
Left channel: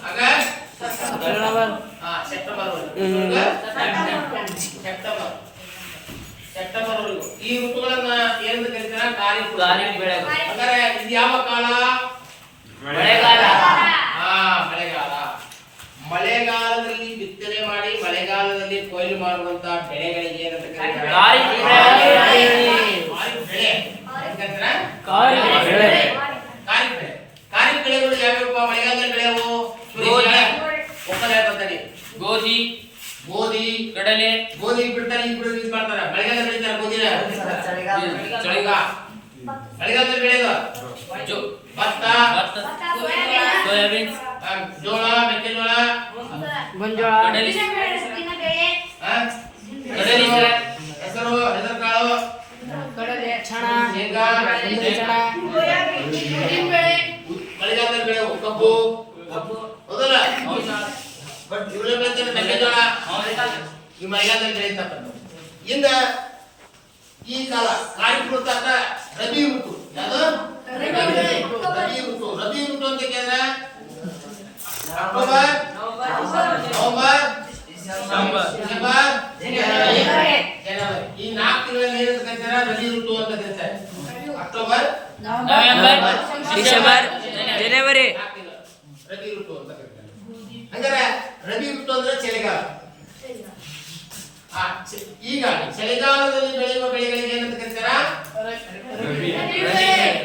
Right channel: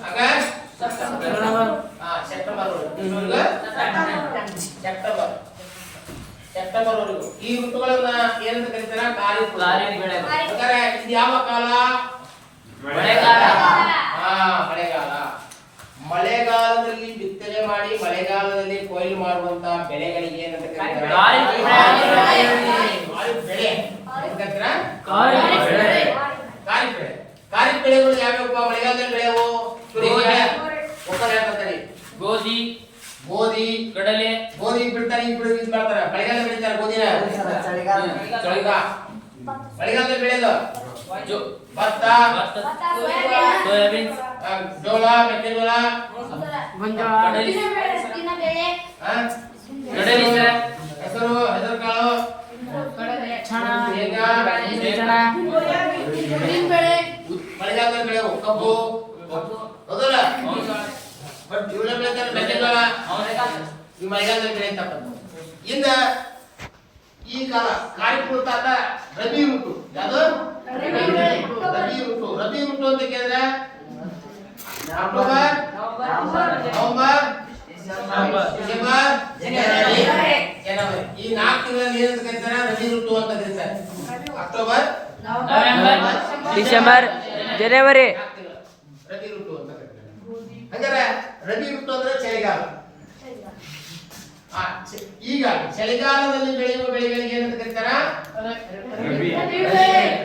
ಆಗಸ್ಟ್, ಸೆಪ್ಟೆಂಬರ್ ವರೆಗೂ ಈ ಋತುಗಳನ್ನ ಏನಂತ ಕರೀತಾರೆ? ಖಾರಿಫ್ ಬೆಳೆ. ಹಾಗಾದ್ರೆ ಇದು ಯಾವ ಕಾಲ? ಮಳೆಗಾಲ. ಮಳೆಗಾಲ. ಮಳೆಗಾಲದಲ್ಲಿ ಬಿತ್ತನೆ ಮಾಡಿ ಮಳೆಗಾಲದಲ್ಲಿ ಕೊಯ್ಲು ಮಾಡುವಂತ ಬೆಳೆಗಳಿಗೆ ಏನಂತ ಕರೀತಾರೆ? ಖಾರಿಫ್ ಬೆಳೆ. ಖಾರಿಫ್ ಬೆಳೆಗಳು ಯಾವ್ಯಾವ? ಮಳೆಗಾಲದಲ್ಲಿ ಬೆಳೆಯವು ಗೋಧಿ, ಕಡಲೆ. ಗೋಧಿ ಬಿಡ್ತಾರೆ, ಯೂಸ್ ಮಾಡ್ತಾರೆ. ಮಳೆಗಾಲದಲ್ಲಿ ಬೆಳೀತಾರೆ ಗೋಧಿನ. ಮಳೆಗಾಲದಲ್ಲಿ ಬೆಳೆಯೋದು ಭತ್ತ, ಸೋಯಾಬೀನ್, ಜೋಳ, ಮೆಕ್ಕೆಜೋಳ, ಕಡಲೆ, ಹೆಸರು ಕಾಳು, ಶೇಂಗಾ. ಮಳೆಗಾಲದಲ್ಲಿ ಬೆಳೆಯುವ ಕಬ್ಬು, ಹೌದಲ್ಲ? ಬಟ್ ಇವರೇ ಬೆಳೀತಾರೆ ಮೆಕ್ಕೆಜೋಳ. ಈ ಮಳೆಗಾಲದಲ್ಲಿ ಬೆಳೆಯುತ್ತಪ್ಪ. ಇನ್ನ ಈ ಕಾಲ ಖಾರಿಫ್ ಋತು ಅಂತ ರಬಿ ಋತು. ಯಾವುದು? ರಬಿ ಋತು. ರಬಿ ಋತು ಅಂತ ಕೇಳಿದ್ರೆ ಅಕ್ಟೋಬರ್, ನವೆಂಬರ್, ಡಿಸೆಂಬರ್, ಜನವರಿ. ಈ 4 ತಿಂಗಳಲ್ಲಿ ಏನಂತ ಕರೀತಾರೆ? ರಬಿ ಋತು ಅಂತ ಕರೀತಾರೆ. ಅಕ್ಟೋಬರ್, ನವೆಂಬರ್, ಡಿಸೆಂಬರ್, ಜನವರಿ. ರಬಿ ಋತು ಅಂತ ಕರೀತಾರೆ. ಹಂಗಾರೆ ರಬಿ ಋತು ಅಂದ್ರೆ ಚಳಿಗಾಲ. ಈಗ ಚಳಿಗಾಲದಲ್ಲಿ ಬೆಳೆಯುವ ಬೆಳೆಗಳಿಗೆ ಏನಂತ ಕರೀತಾರ?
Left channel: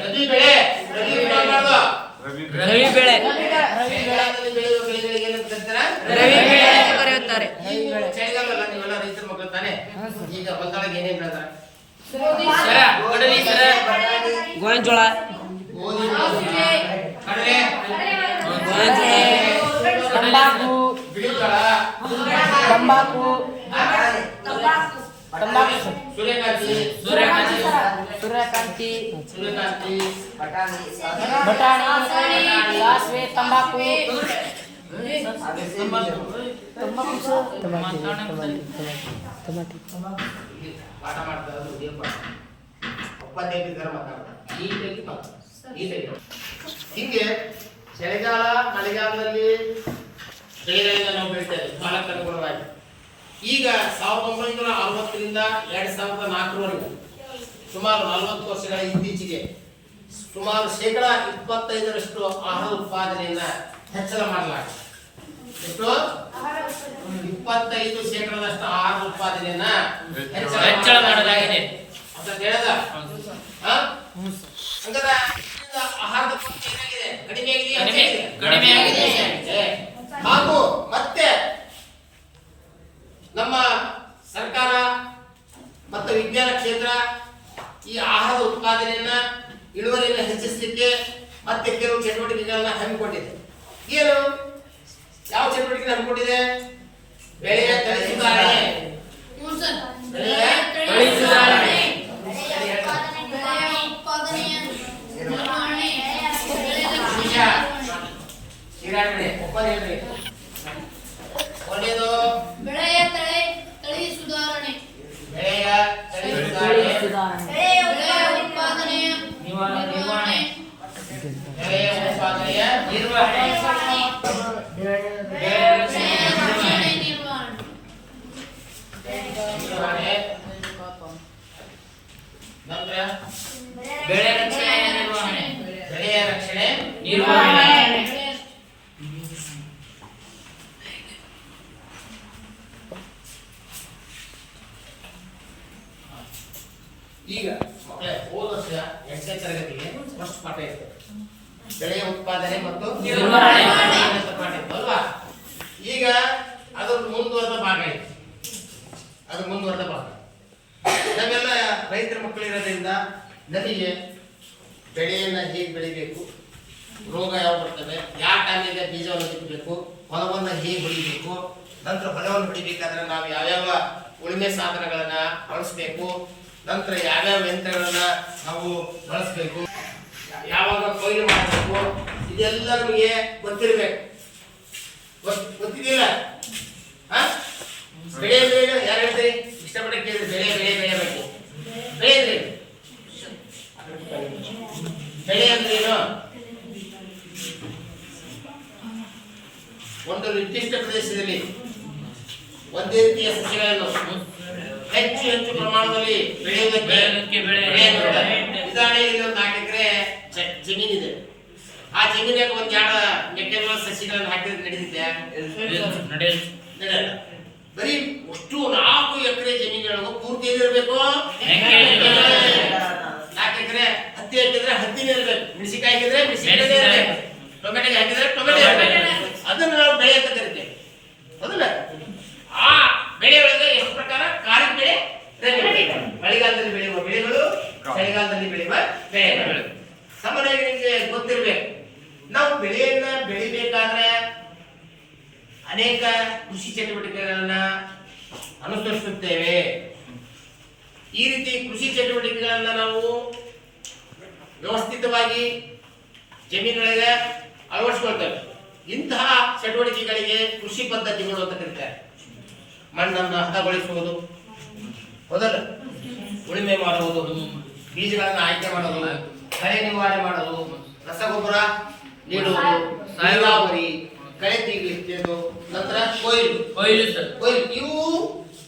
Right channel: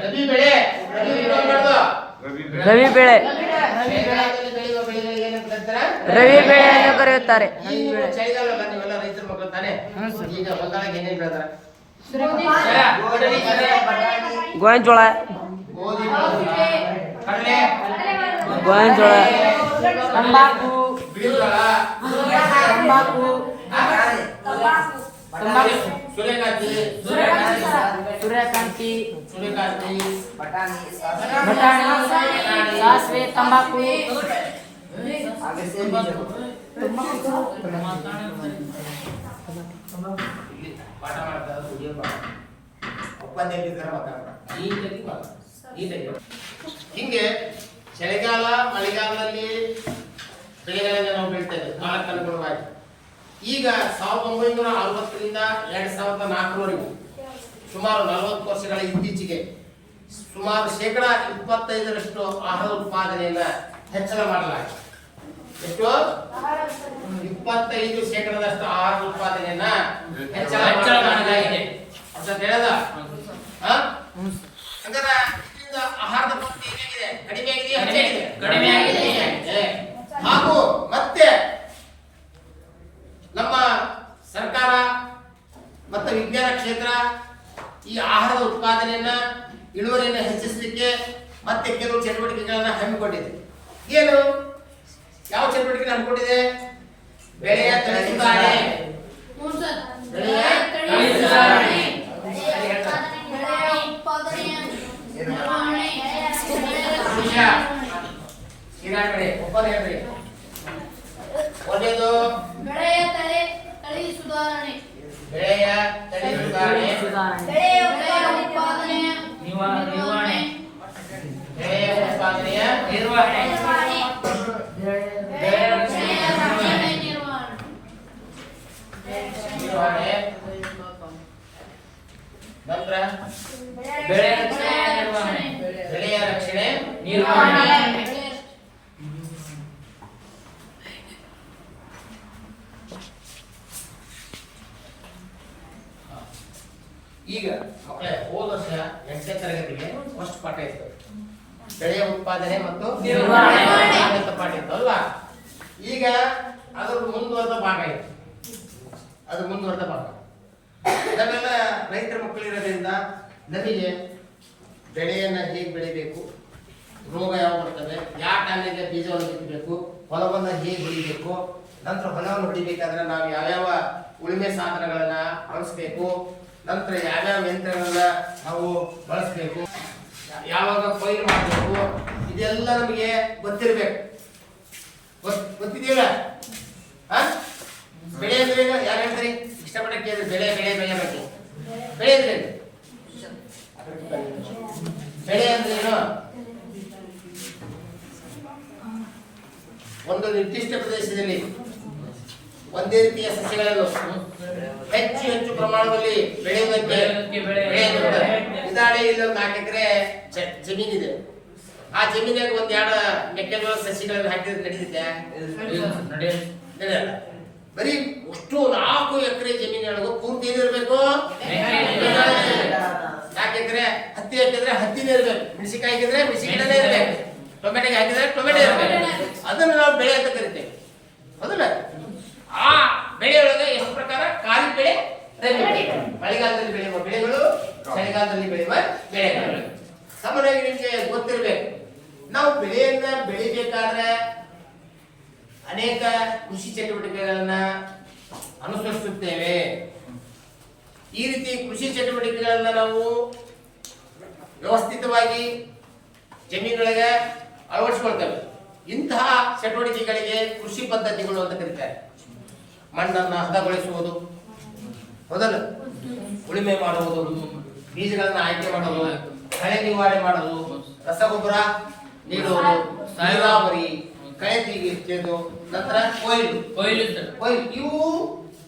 ರಬಿ ಬೆಳೆ. ರಬಿ ಋತು ಅನ್ಬಾರ್ದು. ರವಿ ಬೆಳೆ. ಚಳಿಗಾಲದಲ್ಲಿ ಬೆಳೆಯುವ ಬೆಳೆಗಳಿಗೆ ಏನಂತ ಕರೀತಾರ? ರವಿ ಬೆಳೆ ಎಂದು ಕರೆಯುತ್ತಾರೆ. ಚಳಿಗಾಲ ನೀವೆಲ್ಲ ರೈತರ ಮಕ್ಕಳು ತಾನೆ. ಈಗ ಹೊಲದೊಳಗೆ ಏನೇನ್ ಬೆಳೆದಾರ? ಗೋವಿನಜೋಳ, ಗೋಧಿ, ಕಡಲೆ, ಗೋವಿನಜೋಳ, ಬಿಳಿಜೋಳ, ಸೂರ್ಯಕಾಂತಿ, ಬಟಾಣಿ, ಸಾಸಿವೆ, ತಂಬಾಕು, ಪಾಠ ಮಾಡ್ತಾ ವಿಡಿಯೋ ಒಪ್ಪಂದ ಮಾತಾಡ್ತಾರೆ ನೀಟಾಗಿ. ಹಿಂಗೆ ಚಳಿಗಾಲ ಮಳೆಗಾಲದಲ್ಲಿ ಬೆಳೆಗಳನ್ನ ನಾವು ಬೆಳಿತೇವೆ ಕಾಲಕ್ಕೆ ಅನುಗುಣವಾಗಿ. ಈಗ 1960ರಿಂದ 2004ರವರೆಗೂ ಸುಮಾರು 40 ವರ್ಷಗಳ ಇತ್ತೀಚೆಗೆ ಸುಮಾರು 25% ಆಹಾರ ಉತ್ಪಾದನೆಯನ್ನ ಹೆಚ್ಚಳ ಮಾಡಲಾಗಿದೆ. ಎಷ್ಟು? 25% ಆಹಾರ ಉತ್ಪಾದನೆಯನ್ನ ಹೆಚ್ಚಳ ಮಾಡಲಾಗಿದೆ ಅಂತ ಹೇಳದ. ಹಂಗಾದ್ರೆ ಆಹಾರದ ಕೊರತೆ ಏನಾಗಿದೆ? ಕಡಿಮೆ ಆಗಿದೆ. ಹಾಗೂ ಮತ್ತೆ ನಮ್ಮ ಸರ್ಕಾರ ಮತ್ತು ವಿಜ್ಞಾನ ಕ್ಷೇತ್ರ ಈ ಆಹಾರದ ಉತ್ಪಾದನೆಯನ್ನ ಇಳುವರಿಯನ್ನು ಹೆಚ್ಚಿಸಲಿಕ್ಕೆ ಮತ್ತೆ ಕೆಲವು ಚಟುವಟಿಕೆಗಳನ್ನ ಹಮ್ಮಿಕೊಂಡಿದೆ. ಏನು ಯಾವ ಚಟುವಟಿಕೆ ಹಮ್ಮಿಕೊಂಡಿದೆ? ಬೆಳೆಯ ತಳಿ ಸುಧಾರಣೆ. ಒಂದೇದು ಬೆಳೆಯ ತಳಿ ಸುಧಾರಣೆ, ಬೆಳೆಯ ತಳಿ ಸುಧಾರಣೆ, ಬೆಳೆಯ ಉತ್ಪಾದನೆಯ ನಿರ್ವಹಣೆ, ಬೆಳೆಯ ಉತ್ಪಾದನೆಯ ನಿರ್ವಹಣೆ, ಬೆಳೆಯ ರಕ್ಷಣೆ ನಿರ್ವಹಣೆ. ನಂತರ ಬೆಳೆ ರಕ್ಷಣೆ ನಿರ್ವಹಣೆ, ಬೆಳೆಯ ರಕ್ಷಣೆ ನಿರ್ವಹಣೆ. ಈಗ ಮಕ್ಕಳೇ ಹೋದ ವರ್ಷ 8ನೇ ತರಗತಿಗೆ ಫಸ್ಟ್ ಪಾಠ ಇತ್ತು, ಬೆಳೆಯ ಉತ್ಪಾದನೆ ಮತ್ತು ನಿರ್ವಹಣೆ ಅಂತ ಪಾಠ ಇತ್ತು ಅಲ್ವಾ? ಈಗ ಅದರ ಮುಂದುವರೆದ ಭಾಗ ಇದೆ. ಅದು ಮುಂದುವರೆದ ಭಾಗ. ಇದನ್ನೆಲ್ಲ ರೈತರ ಮಕ್ಕಳಿರೋದ್ರಿಂದ ನಮಗೆ ಬೆಳೆಯನ್ನು ಹೇಗೆ ಬೆಳಿಬೇಕು, ರೋಗ ಯಾವ ಬರ್ತವೆ, ಯಾವ ಟೈಮಿಗೆ ಬೀಜವನ್ನು ಬಿತ್ತಬೇಕು, ಹೊಲವನ್ನು ಹೇಗೆ ಹೊಡಿಬೇಕು, ನಂತರ ಹೊಲವನ್ನು ಹೊಡಿಬೇಕಾದ್ರೆ ನಾವು ಯಾವ್ಯಾವ ಉಳುಮೆ ಸಾಧನಗಳನ್ನ ಬಳಸಬೇಕು, ನಂತರ ಯಾವ್ಯಾವ ಯಂತ್ರಗಳನ್ನ ನಾವು ಬಳಸಬೇಕು, ಯಾವಾಗ ಕೊಯ್ಲು ಮಾಡಬೇಕು, ಇದೆಲ್ಲ ನಮಗೆ ಗೊತ್ತಿರಬೇಕು. ಗೊತ್ತಿದೆಯಲ್ಲ? ಬೆಳೆ ಅಂದ್ರೆ ಯಾರು ಹೇಳ್ತೀರಿ? ಇಷ್ಟಪಟ್ಟ ಕೇಳಿದ್ರೆ ಬೆಳೆ ಬೆಳೆ ಬೆಳೆಬೇಕು. ಬೆಳೆ ಅಂದ್ರೆ ಏನು? ಬೆಳೆ ಅಂದ್ರೆ ಏನು? ಒಂದು ನಿರ್ದಿಷ್ಟ ಪ್ರದೇಶದಲ್ಲಿ ಒಂದೇ ರೀತಿಯ ಸಸ್ಯಗಳನ್ನು ಹೆಚ್ಚು ಹೆಚ್ಚು ಪ್ರಮಾಣದಲ್ಲಿ ಬೆಳೆಯುವುದಕ್ಕೆ ಉದಾಹರಣೆ ಇಲ್ಲಿ ಒಂದು 4 ಎಕರೆ ಜಮೀನಿದೆ. ಆ ಜಮೀನಾಗ ಒಂದ್ 2 ಮೆಕ್ಕೆಜೋಳ ಸಸಿಗಳನ್ನು ಹಾಕಿದ್ರೆ ನಡೀತಿದ್ದೆ? ನಡೆಯಲ್ಲ. ಬರೀ ಅಷ್ಟು 4 ಎಕರೆ ಜಮೀನುಗಳಿಗೂ ಪೂರ್ತಿ ಏನಿರ್ಬೇಕು? 4 ಎಕರೆ ಹತ್ತಿ ಹಾಕಿದ್ರೆ ಹತ್ತಿನೇ ಇರ್ಬೇಕು, ಮೆಣಸಿನಕಾಯಿ ಹಾಕಿದ್ರೆ ಮೆಣಸಿನಕಾಯಿ ಇರ್ಬೇಕು, ಟೊಮೆಟೊ ಹಾಕಿದ್ರೆ ಟೊಮೆಟೊ ಇರ್ಬೇಕು. ಅದನ್ನು ನಾವು ಬೆಳೆ ಅಂತ ಕರಿತೇವೆ, ಹೌದಲ್ಲ? ಆ ಬೆಳೆ ಒಳಗೆ ಎಷ್ಟು ಪ್ರಕಾರ? ಖಾರಿಫ್ ಬೆಳೆ, ರಬಿ ಬೆಳೆ, ಮಳೆಗಾಲದಲ್ಲಿ ಬೆಳೆಯುವ ಬೆಳೆಗಳು, ಚಳಿಗಾಲದಲ್ಲಿ ಬೆಳೆಯುವ ಬೆಳೆಗಳು. ಸಾಮಾನ್ಯವಾಗಿ ನಿಮಗೆ ಗೊತ್ತಿರಬೇಕು, ನಾವು ಬೆಳೆಯನ್ನ ಬೆಳಿಬೇಕಾದ್ರೆ ಅನೇಕ ಕೃಷಿ ಚಟುವಟಿಕೆಗಳನ್ನ ಅನುಸರಿಸುತ್ತೇವೆ. ಈ ರೀತಿ ಕೃಷಿ ಚಟುವಟಿಕೆಗಳನ್ನ ನಾವು ವ್ಯವಸ್ಥಿತವಾಗಿ ಜಮೀನೊಳಗೆ ಅಳವಡಿಸಿಕೊಳ್ತೇವೆ. ಇಂತಹ ಚಟುವಟಿಕೆಗಳಿಗೆ ಕೃಷಿ ಪದ್ಧತಿಗಳು ಅಂತ ಕರೀತಾರೆ. ಮಣ್ಣನ್ನು ಹದಗೊಳಿಸುವುದು, ಹೌದಲ್ಲ? ಉಳುಮೆ ಮಾಡುವುದು, ಬೀಜಗಳನ್ನು ಆಯ್ಕೆ ಮಾಡುವುದು, ಕಳೆ ನಿವಾರಣೆ ಮಾಡುವುದು, ರಸಗೊಬ್ಬರ ನೀಡುವುದು, ನೀರಾವರಿ, ಕಳೆ ತೆಗೆಯುವುದು, ನಂತರ ಕೊಯ್ಲು. ಇವು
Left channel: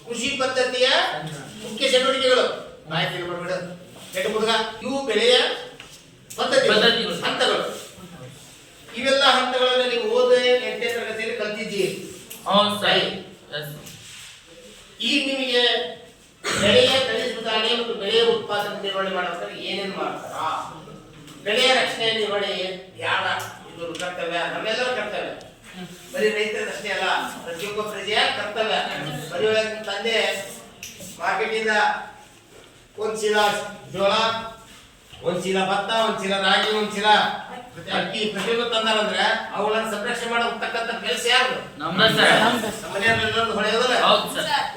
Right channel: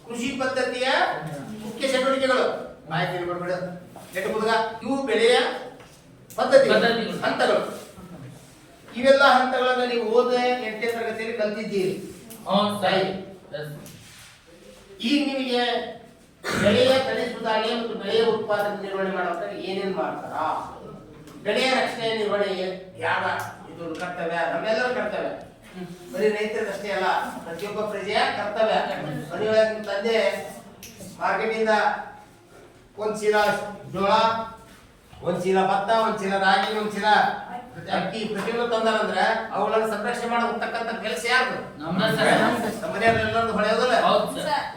ಕೃಷಿ ಪದ್ಧತಿಯ ಮುಖ್ಯ ಚಟುವಟಿಕೆಗಳು. ಇವು ಬೆಳೆಯ ಪದ್ಧತಿಗಳು, ಹಂತಗಳು. ಇವೆಲ್ಲ ಹಂತಗಳನ್ನು ನೀವು ಓದ 8ನೇ ತರಗತಿಯಲ್ಲಿ ಕಲ್ತಿದ್ದೀರಿ. ಈಗ ನಿಮಗೆ ಬೆಳೆಯ ತಳಿ ಸುಧಾರಣೆ ಮತ್ತು ಬೆಳೆಯ ಉತ್ಪಾದನೆ ನಿರ್ವಹಣೆ ಮಾಡಬೇಕಾದ್ರೆ ಏನೇನು ಮಾಡ್ತಾರ? ಬೆಳೆಯ ರಕ್ಷಣೆ ನಿರ್ವಹಣೆ ಯಾರ ಇದು ಕರ್ತವ್ಯ? ನಮ್ಮೆಲ್ಲರೂ ಕರ್ತವ್ಯ. ಬರೀ ರೈತರಷ್ಟೇ ಅಲ್ಲ, ಪ್ರತಿಯೊಬ್ಬ ಪ್ರಜೆಯ ಕರ್ತವ್ಯ. ಬರೀ ತಂದೆ ಮಾರ್ಕೆಟಿಂದ ಒಂದ್ ಚೀಲ ಜೋಳ, ಒಂದ್ ಚೀಲ ಭತ್ತ, ಒಂದ್ ಚೀಲ ರಾಗಿ, ಒಂದ್ ಚೀಲ ಅಕ್ಕಿ ಪ್ರತಿಯೊಂದು ತಂದಾರಂದ್ರೆ ಅವುಗಳನ್ನ ಸಂರಕ್ಷಣೆ ಮಾಡತಕ್ಕಂತ ಕೆಲಸ ಯಾರು? ಮನೆಯವ್ರೆಲ್ಲರೂ ಹೊಳೆಯೋದಿಲ್ಲ.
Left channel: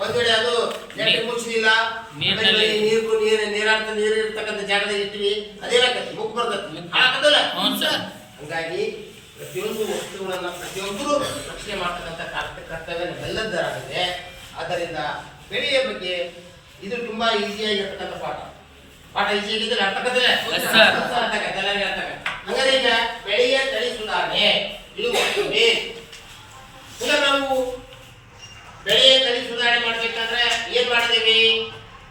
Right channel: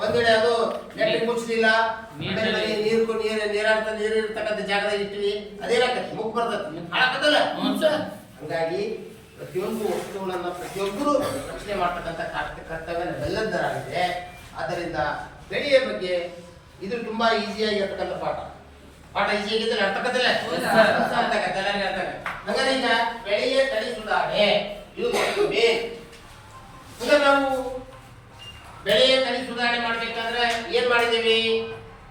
ಒಂದ್ ವೇಳೆ ಅದು ನೆಟ್ಟಿ ಮುಚ್ಚಲಿಲ್ಲ, ನೀರಿರ್ತಕ್ಕಂಥ ಜಾಗದಾಗ ಇಟ್ಟಿವಿ, ಅದೇನಾಗತ್ತೆ? ಮುಗ್ ಬರ್ತದೆ, ಹಾಳಾಕತ್ತಲ್ಲ. ಹಂಗಾಗಿ ಪ್ರತಿಯೊಂದು ವಸ್ತುಗಳನ್ನ ಪ್ರತಿಯೊಬ್ಬರು ರಕ್ಷಣೆ ಮಾಡ್ತಕ್ಕಂಥ ಕರ್ತವ್ಯ ನಮ್ಮೆಲ್ಲದರಾಗಿದೆ. ಆದ್ದರಿಂದ ಬೆಳೆಯ ಬಗ್ಗೆ ಇದು ತುಂಬಾ ಈಸಿಯಾಗಿರ್ತಕ್ಕಂಥ ಪಾಠ. ಈಸಿ ಆಗಿದ್ರೆ ಅರ್ಥಕತ್ತಲ್ಲ? ಹಾಗಾದ್ರೆ ಈಗ ಬೆಳೆಯ ತಳಿ ಸುಧಾರಣೆ ಇದು ಈಗ ನಾವು ಬೆಳೆಯ ತಳಿ ಸುಧಾರಣೆ ಮಾಡ್ಬೇಕಂದ್ರೆ ಏನ್ ಮಾಡಿದೀವಿ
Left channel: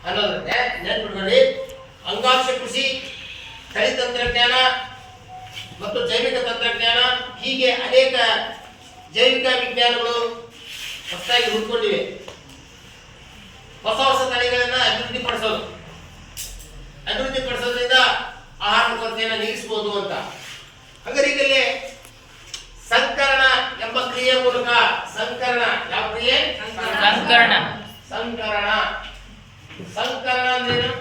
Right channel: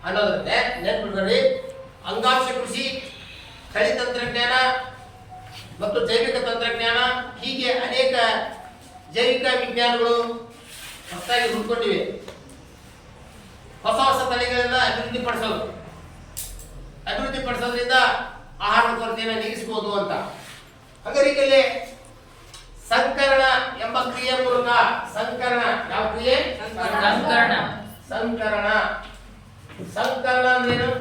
ಅನ್ನೋದ್ರೆ ನೆನ್ಪಿಟ್ಕೊಳ್ಳಿ. ಅಂಗಾಂಶ ಕೃಷಿ, ತಳಿ ತಂತ್ರಜ್ಞಾನ ಮತ್ತು ಜೈವಿಕ ತಂತ್ರಜ್ಞಾನ, ಹೀಗೆ ಅನೇಕ ಜೈವಿಕ ವಿಜ್ಞಾನಗಳು ಹೊಸದಾಗಿ ಹುಡ್ಕೊಂಡಿವೆ. ಹೊಸ ಹೊಸ ತಳಿಗಳನ್ನ ಅಭಿವೃದ್ಧಿಪಡಿಸೋದ್ರಿಂದ ಆಹಾರ ಕೊರತೆಯನ್ನು ನೀಗಿಸಬಹುದು ಅಂತ. ಹಾಗಾದ್ರೆ ಸಂಕರಣ ಎಂಬ ಕ್ರಿಯೆ ಮೂಲಕ, ಸಂಕರಣ ಯಾವ ಕ್ರಿಯೆ? ಸಂಕರಣ ಅಂದ್ರೇನು?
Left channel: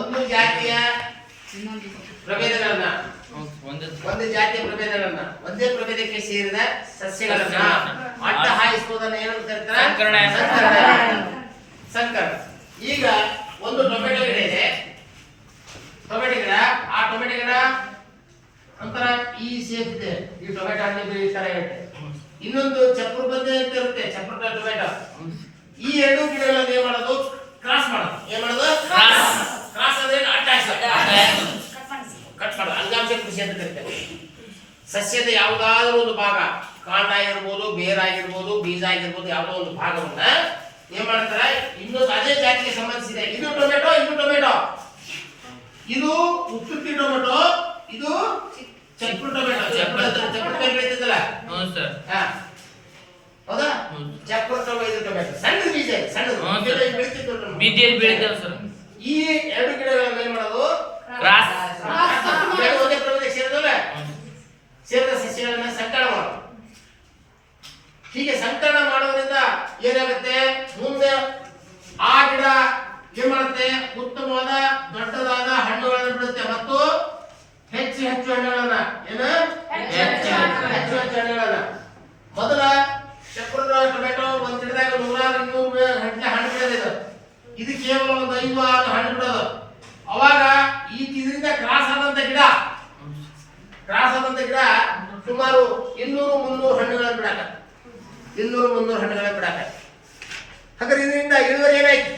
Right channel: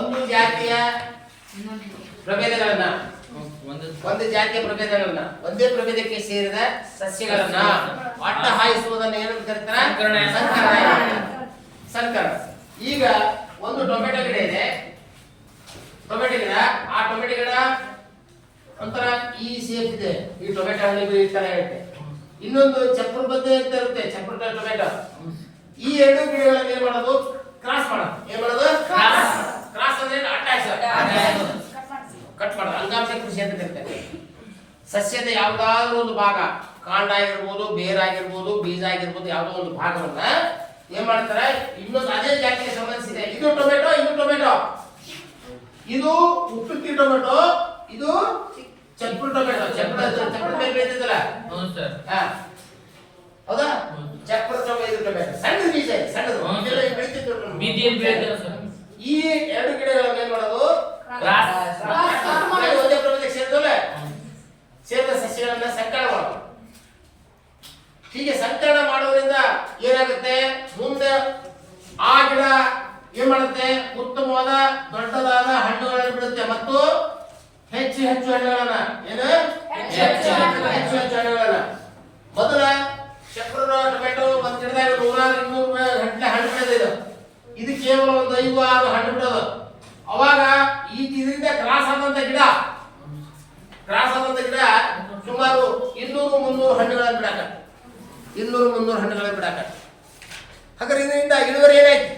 ಒಂದು ಜಾತಿಯ ಪ್ರಭೇದಗಳನ್ನ ಒಂದೇ ಪ್ರಭೇದಕ್ಕೆ ಸೇರಿದ ಸಸ್ಯಗಳನ್ನ ಅಡ್ಡ ಹಾಯಿಸುವುದನ್ನು ಏನು ಕರೀತಾರೆ? ಸಂಕರಣ. ಈಗ ಒಂದು ಟೊಮೆಟೊ ಗಿಡ ಇದೆ, ಟೊಮೆಟೊ ಗಿಡ. ಆ ಟೊಮೆಟೊ ಗಿಡ ಒಂಥರ ಈ ಶೇಪ್ ಇದೆ, ಈ ಟೊಮೆಟೊ ಹಣ್ಣಿಗೆ ಈ ತರ ಇರುತ್ತೆ. ಇನ್ನೊಂದು ಚಪ್ರ ಬದ್ದೆ ಅಂತ ಇರುತ್ತೆ, ಚಪ್ರ ಟೊಮೆಟೊ. ಈ 2 ಗಿಡಗಳನ್ನು ಏನ್ ಮಾಡೋದು? ಕ್ರಾಸ್ ಮಾಡೋದು. ಏನ್ ಮಾಡೋದು? ಕ್ರಾಸ್ ಅಂದ್ರೆ ಅಡ್ಡ ಹಾಯಿಸೋದು, ಕಟ್ ಮಾಡೋದು. ಅಂಗಾಂಶ ಕೃಷಿ ಅಂತ ಕರೀತಾರೆ. ಸಸ್ಯದ ಯಾವುದಾದ್ರೂ ಒಂದು ಭಾಗ, ಕಾಂಡ ಆಗಿರ್ಬೋದು, ಬೇರಾಗಿರ್ಬೋದು, ಬೀಜ ಆಗಿರ್ಬೋದು, ಯಾವುದೋ ಒಂದು ಭಾಗವನ್ನ ಏನ್ ಮಾಡ್ತಾರೆ? ಇನ್ನೊಂದು ಅದೇ ಜಾತಿಗೆ ಸಂಬಂಧಿಸಿದೆ. ಇದು ಟೊಮೆಟೊ, ಇದು ಉಪ್ಪುತ್ತಿ ಟೊಮೆಟೊ, ಇದು ಚಪ್ರ ಟೊಮೆಟೊ. ಚಪ್ರ ಬೆಳೀತಿದ್ದಲ್ಲ, ಹೌದಾ? ಚಪ್ರ ಟೊಮೆಟೊ ಸಣ್ಣ ಬೀಜ, ಸಣ್ಣದು ಬೆಳೀತಿದ್ರು. ಈ 2 ಗಿಡಗಳನ್ನು ಏನ್ ಮಾಡೋದು? ಒಂದೇ ಪ್ರಭೇದಕ್ಕೆ ಸೇರಿದ ಸಸ್ಯಗಳನ್ನ ಸಂಕಲನ ಮಾಡೋದು. ಸಂಕಲನ ಮಾಡೋದ್ರಿಂದ ಏನಾಗುತ್ತೆ, ಮುಂದೆ ಆ ಗಿಡ ಏನ್ ಮಾಡುತ್ತೆ, ಉತ್ತಮವಾದ ದೊಡ್ಡದಾದ ಹಣ್ಣುಗಳನ್ನು ಬಿಡುತ್ತೆ ಮತ್ತು ಹೆಚ್ಚು ಹೆಚ್ಚು ಹಣ್ಣುಗಳನ್ನ ಏನು ಹೆಚ್ಚು ಹೆಚ್ಚು ಹಣ್ಣುಗಳನ್ನ. ಮೊದಲ ಚಕ್ರದ ಟೊಮೆಟೊ ಒಂದ್ ಗಿಡದಾಗ 100-200 ಗಂಟೆ ಹಣ್ಣು ಬಿಡೋದಿದೆ. ಇದು ಕೇವಲ ಒಂದು 5-6 ಹಣ್ಣು ಬಿಡೋದು. ಅವಾಗ ಇದರಿಂದ ಕ್ರಾಸ್ ಆದಂತ ಗಿಡ ಸುಮಾರು 200-300 ಹಣ್ಣುಗಳನ್ನು ಬಿಡಾಕ 200-300 ಹಣ್ಣುಗಳನ್ನು ಬಿಡಾಕ. ಹಾಗಾದ್ರೆ ಇದರಿಂದ ಇಳುವರಿ ಏನಾಯ್ತು,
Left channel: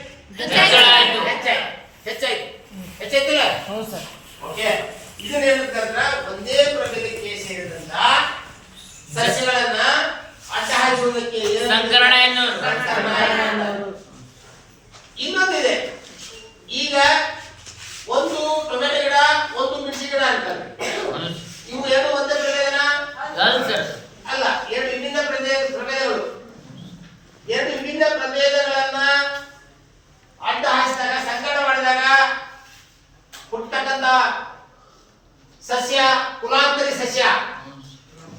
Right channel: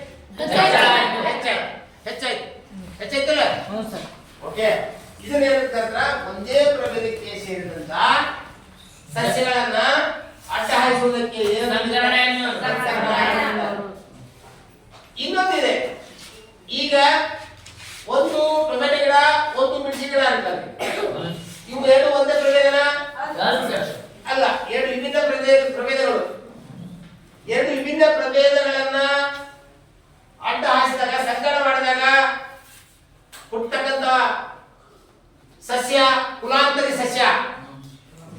ಹೆಚ್ಚಾಯ್ತಲ್ಲ. ಓಕೆ, ಇದನ್ನ ಏನಂತಂದ್ರ ಒಂದೇ ಪ್ರಭೇದಕ್ಕೆ ಸೇರಿದಂತ ಸಸ್ಯಗಳನ್ನ ಅಡ್ಡ ಹಾಯಿಸುವುದಕ್ಕೆ ಸಂಕರಣ ಎನ್ನುವರು. ಇನ್ನೊಂದಿದೆ, ಈಗ ಒಂದು ಟೊಮೆಟೊ ಗಿಡ ಒಂದು ಮೆಣಸಿನ ಗಿಡ ಅಂತಾರೆ. ಇವು ಎರಡು ಒಂದೇ ಪ್ರಭೇದನ ಅಲ್ಲ, ಎರಡು ವಿಭಿನ್ನ ಪ್ರಭೇದಗಳು. ಎರಡು ವಿಭಿನ್ನ ಪ್ರಭೇದಗಳನ್ನ ಅಡ್ಡ ಹಾಯಿಸಿದಾಗ, ಸಂಕಲನ ಮಾಡಿದಾಗ ಹುಟ್ಟತಕ್ಕಂತ ಸಸ್ಯ ಕುಲಾಂತರಿ ಸಸ್ಯ.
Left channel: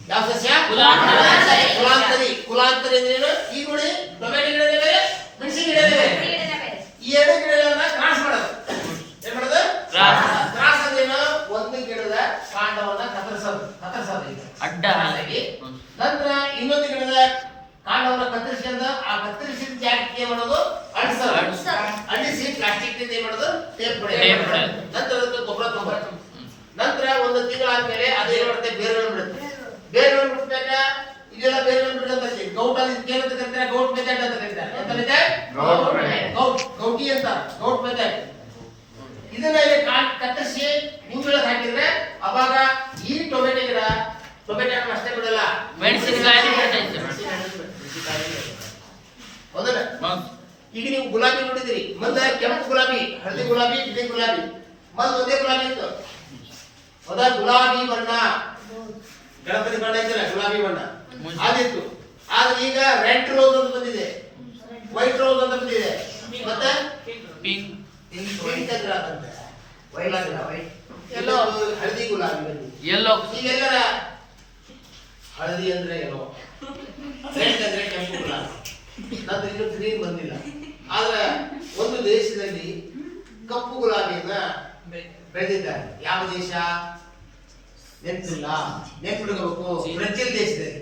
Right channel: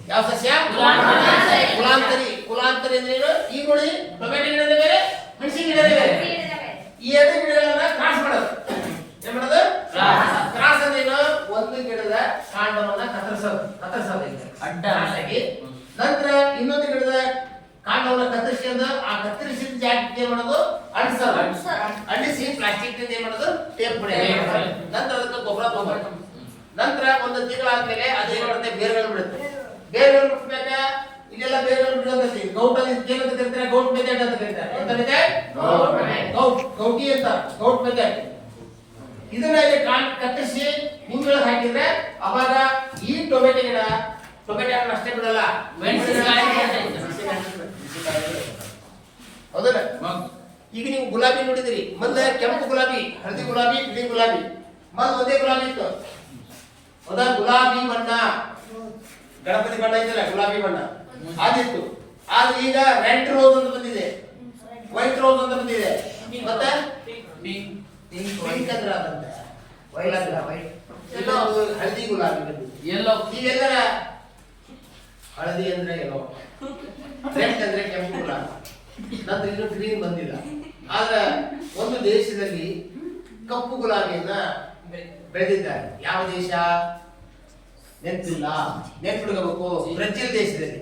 ಯಾವ ಸಸ್ಯ? ಕುಲಾಂತರಿ. ಕುಲಾಂತರಿ ಅಂದ್ರೆ ಈಗ ನೋಡಿ, ಟೊಮೆಟೊ ಗಿಡದ ಬೇರೆ, ಮೆಣಸಿನ ಗಿಡದ ಬೇರೆ. ಈ ಎರಡು ಗಿಡಗಳನ್ನ ಕ್ರಾಸ್ ಮಾಡೋದು. ಏನ್ ಮಾಡೋದು? ಕ್ರಾಸ್ ಅಂದ್ರೆ ಒಂದು ಗಿಡದ ಕಾಂಡವನ್ನ ಕತ್ತರಿಸೋದು ಅಡ್ಡ ಹಾಕಿ, ನಂತರ ಇನ್ನೊಂದು ಗಿಡದ ಕಾಂಡವನ್ನ ಕತ್ತರಿಸಿದ ಆ ಕತ್ತರಿಸಿದ ಜಾಗಕ್ಕೆ ಏನ್ ಮಾಡೋದು, ಅಂಟಿಸಿ ಪ್ಲಾಸ್ಟಿಕ್ ನಿಂದ ಏನ್ ಮಾಡೋದು, ಟೇಪ್ ಹೊಡೆಯೋದು. ನಂತರ ಅದಕ್ಕೆ ಗೊಬ್ಬರ ತಗೋಬೇಕು. ನಂತರ ಒಂದು ತಿಂಗಳಾದ್ಮೇಲೆ ಅದೇನ್ ಮಾಡುತ್ತೆ, ಬೇರುಗಳನ್ನು ಬಿಡುತ್ತೆ. ಬೇರುಗಳನ್ನು ಬಿಡ್ಬೇಕ, ಇಲ್ಲೆಲ್ಲ ಬೇರುಗಳನ್ನು ಬಿಡುತ್ತೆ. ಗೌಟಲ್ಲಿ ಏನಂತ ಕರೀತಾರೆ, ಗೌಟ್ ಮೆಥಡ್ ಅಂತ ಕರೀತಾರೆ. ಎಂತ ಮೆಥಡ್? ಗೌಟಿ ಅಂತ, ಗೌಟ್ ಮೆಥಡ್. ಇದನ್ನ ಇಲ್ಲಿ ಕತ್ತರಿಸಿ ಹೂಗಳನ್ನು ಹಾಕಿದ್ರೆ ಅವಾಗ ಈ ಟೊಮೆಟೊ ಗಿಡ ಟೊಮೆಟೊ ಹಣ್ಣು ಅಷ್ಟೇ ಬಿಡಲ್ಲ, ಮೆಣಸಿನಕಾಯಿ ಹೌದಲ್ಲ? ಈಗ ನೀವು ಗುಲಾಬಿ ನೋಡಿದಿರಿ, ಮೊದಲ ಕೆಂಪು ಗುಲಾಬಿ, ಹಳದಿ ಗುಲಾಬಿ, ಬಿಳಿ ಗುಲಾಬಿ, ಮೊದಲು ಒಂದೇ ಗುಲಾಬಿ ಇತ್ತು. ಹೌದಾ? ಗುಲಾಬಿ ಬಣ್ಣ, ಗಣಪತಿ ಬಣ್ಣ ಇದ್ದಲ್ಲ, ಗುಲಾಬಿ ಬಣ್ಣ ಅದಿತ್ತು. ಆದ್ರೆ ಈಗ ರೆಡ್ ರೋಸ್ ಅಂತ ಬಂದಿದೆ, ವೈಟ್ ರೋಸ್ ಅಂತ ಬಂದಿದೆ, ಮತ್ತೆ ಪಿಂಕ್ ಅಂತ ಎಲ್ಲೋ ಹಳದಿ ಗುಲಾಬಿ ಎಲ್ಲೋ. ಇವೆಲ್ಲರ ಹಳದಿ ಅಂದ್ರೆ ಎಲ್ಲೋ, ರೆಡ್ ಅಂದ್ರೆ ಕೆಂಪು ಗುಲಾಬಿ, ನಂತರ ಇನ್ನೂ ಗ್ರೀನ್ ಬಂದಿಲ್ಲ. ಆದ್ರೆ ಒಂದು ದೇಶದಲ್ಲಿ ಕಪ್ಪು ಗುಲಾಬಿಯನ್ನ ಬೆಳೆದಿದ್ದಾರೆ. ಯಾವ ದೇಶ? ನೆನಪಿಲ್ಲ, ನೆನಪಿಡ್ಕೋಬೇಕು. ಬ್ರೆಜಿಲ್ ದೇಶದಲ್ಲಿ.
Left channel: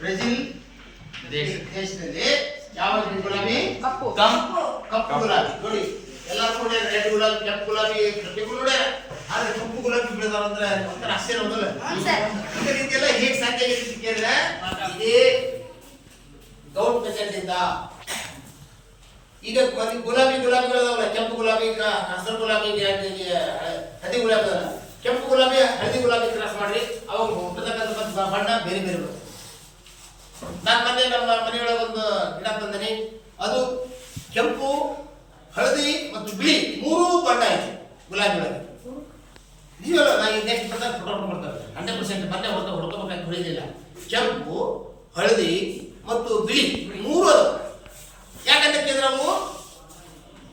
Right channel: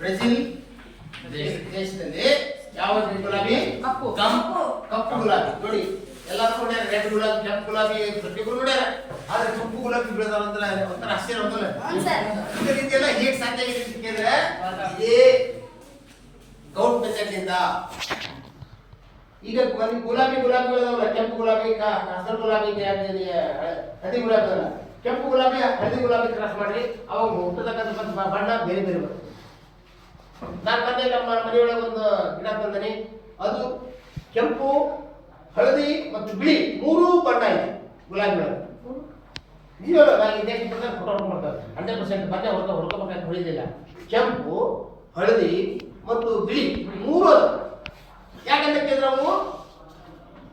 ಬ್ರೆಜಿಲ್ ದೇಶದಲ್ಲಿ ಯಾವ ಗುಲಾಬಿ? ಕಪ್ಪು ಗುಲಾಬಿ. ನೋಡಿ, ಎಲ್ಲರೂ ಕೂಡ ರೆಡ್ ಗುಲಾಬಿ, ಕೆಂಪು ಗುಲಾಬಿ ಪ್ರತಿಗಳು ನೋಡ್ಯಾರ. ಆದ್ರೆ ಕಪ್ಪು ಗುಲಾಬಿ ಬೆಳೆದಾರಂದ್ರೆ ಒಂಥರ ಆಶ್ಚರ್ಯ ಹೋಗಲ್ಲ. ಈ ರೀತಿ ಎಲ್ಲ ಹೇಗೆ ಸಾಧ್ಯ ಆಗಿದೆ ಅಂದ್ರೆ ಇದೇ ಗೌಟ್ ಮೆಥಡ್ ಇಂದ. ಈಗ ಗುಲಾಬಿಗಳದಾವಲ್ಲ, ಕೆಂಪು ಗುಲಾಬಿ, ಹಸಿರು ಗುಲಾಬಿ, ಹಳದಿ ಗುಲಾಬಿ ಅದಲ್ಲ. ಕೆಂಪು ಗುಲಾಬಿ ಹಳದಿ ಗುಲಾಬಿ ಕ್ರಾಸ್ ಮಾಡ್ರಿ, ಅವಾಗ ಹುಟ್ಟತಕ್ಕಂಥ ಬಣ್ಣ ಬೇರೆ ಬೇರೆ ಬರ್ತದೆ. ನಾನು ಮೊನ್ನೆ ನಮ್ಮ ಮನೆಯೊಳಗೆ ಒಂದು ಗಿಡ ತಂದನಿ, ಅದು ಕೆಂಪು, ಹಳದಿ ಮತ್ತು ಬಿಳಿ ಮೂರೂ ಬಣ್ಣ ಇದೆ ಗುಲಾಬಿ ಒಳಗೆ. ನೀವೆಲ್ಲ ನಾ ಈ ನೆಕ್ಸ್ಟ್ ಬರ್ತಾರೆ ಫೋಟೋ ಮಾಡ್ತಾರೆ 100% ಮತ್ತೆ ಹೊಡ್ಕೋಬೇಕಂತ ಹೊಳಿದಿಲ್ಲ. ಕೆಂಪು, ಹಳದಿ ಮತ್ತು ಬಿಳಿ ಮೂರು ಅದು. ಯಾಕಂತ ಕೇಳಿದ್ರೆ ಅವು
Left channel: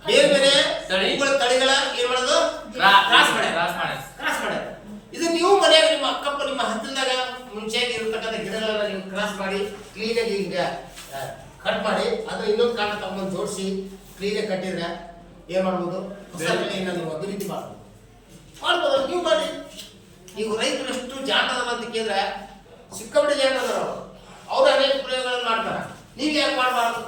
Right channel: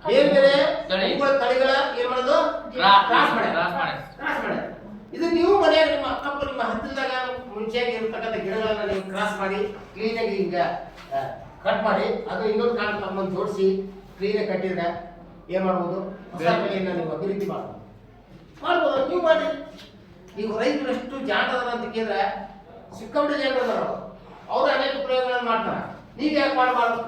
ಬೇರೆ ಬೇರೆ ತಳಿಗಳ ಏನ್ ಮಾಡೋದು, ಕ್ರಾಸ್ ಮಾಡ್ಯಾರ. ಇದು ನೀವು ಮನೆಯಾಗ ನಿಮ್ಮ ಅಕ್ಕಪ್ಪ ನಿಮ್ಮ ಹತ್ತಿರದಾಗ ಮುಂಚೆಯಾಗಿ ಇರತಕ್ಕಂಥ ಗಿಡಗಳನ್ನ ನೀವು ಕ್ರಾಸ್ ಮಾಡಿ ಕ್ಲೀನಾಗಿ ಈಗ ಕಟ್ ಮಾಡಿ ಅದು ಇನ್ನೊಂದು ಕಾಂಡ ತಗೊಂಡು ಜೋಡಿಸಿ ಕ್ಲೀನಾಗಿ ಕಟ್ಟಿದ್ರೆ ಏನ್ ಮಾಡ್ಬೋದು, ಹೊಸ ಬೆಳೆಯನ್ನ ನೀವು ಅಭಿವೃದ್ಧಿ ಮಾಡ್ಬೋದು. ನೀವು ಮಾಡಿ. ನೀವು ರೈತರು ಎಷ್ಟು ಜಾಣದಲ್ಲ ಅಂತ ಕೇಳಿದ್ರೆ ಸಿಕ್ಕಾಪಟ್ಟೆ ಜಾಣದಲ್ಲ, ಅವರು ಅನೇಕ ಪ್ರಯೋಗಗಳನ್ನು ಮಾಡ್ತಾರೆ. ನೀವು ಯಾಕೆ ಮಾಡಬಾರ್ದು?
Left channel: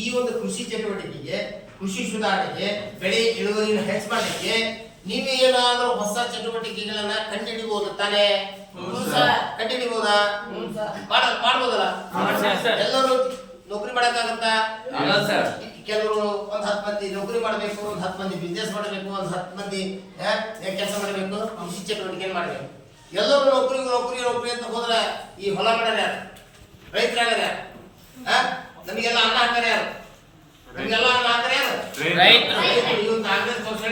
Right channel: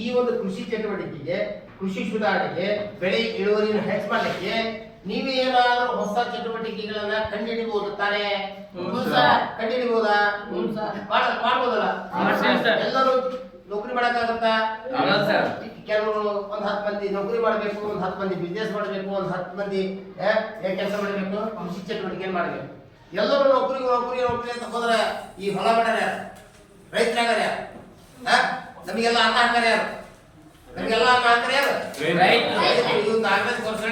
ಈ ಒಂದು ಕೃಷಿ ಚಟುವಟಿಕೆಗೆ, ಕೃಷಿ ಸುಧಾರಣೆಗೆ, ಬೆಳೆ ಇಳುವರಿಯನ್ನು ಹೆಚ್ಚು ಮಾಡಲಿಕ್ಕೆ ನೀವೇ ಏನಾದರೂ ಹೊಸ ಚಟುವಟಿಕೆಗಳನ್ನ ಕಂಡುಹಿಡಿಬಹುದು ತಾನೇ? ಕಂಡುಹಿಡಿಬಹುದಾ? ಮಾಡ್ಬೋದಲ್ಲ? ಎಲ್ಲರೂ ನೌಕರಿ ಮಾಡಕ್ಕಾಗತ್ತಾ? ಕೆಲವರು ಒಂದ್ 10 ಮಂದಿ ನೌಕರಿ ಮಾಡಬೇಕು, ಒಂದ್ 10 ಮಂದಿ ಬಿಸ್ನೆಸ್ ಮಾಡಬೇಕು, ಒಂದ್ 10 ಮಂದಿ ಕೆಲಸ ಮಾಡಬೇಕು, ಕೃಷಿ ಚಟುವಟಿಕೆ ಮಾಡಬೇಕು. ಎಲ್ಲರೂ ನೌಕರಿ ಅಂತ ಹೋದ್ರೆ ಈ ಹೊಲ ಮಾಡ್ಯಾರ ಯಾರು? ರೈತರಾಗ್ಯಾರ ಯಾರು? ನಮಗೆಲ್ಲ ಅನ್ನ ಹಾಕ್ಯಾರ ಯಾರು? ನಮಗೆಲ್ಲ ಅನ್ನ ಹಾಕ್ಯಾರ ಯಾರು? ಇವನ್ ಕಾಂಗ್ರೆಸ್ ಪಕ್ಷ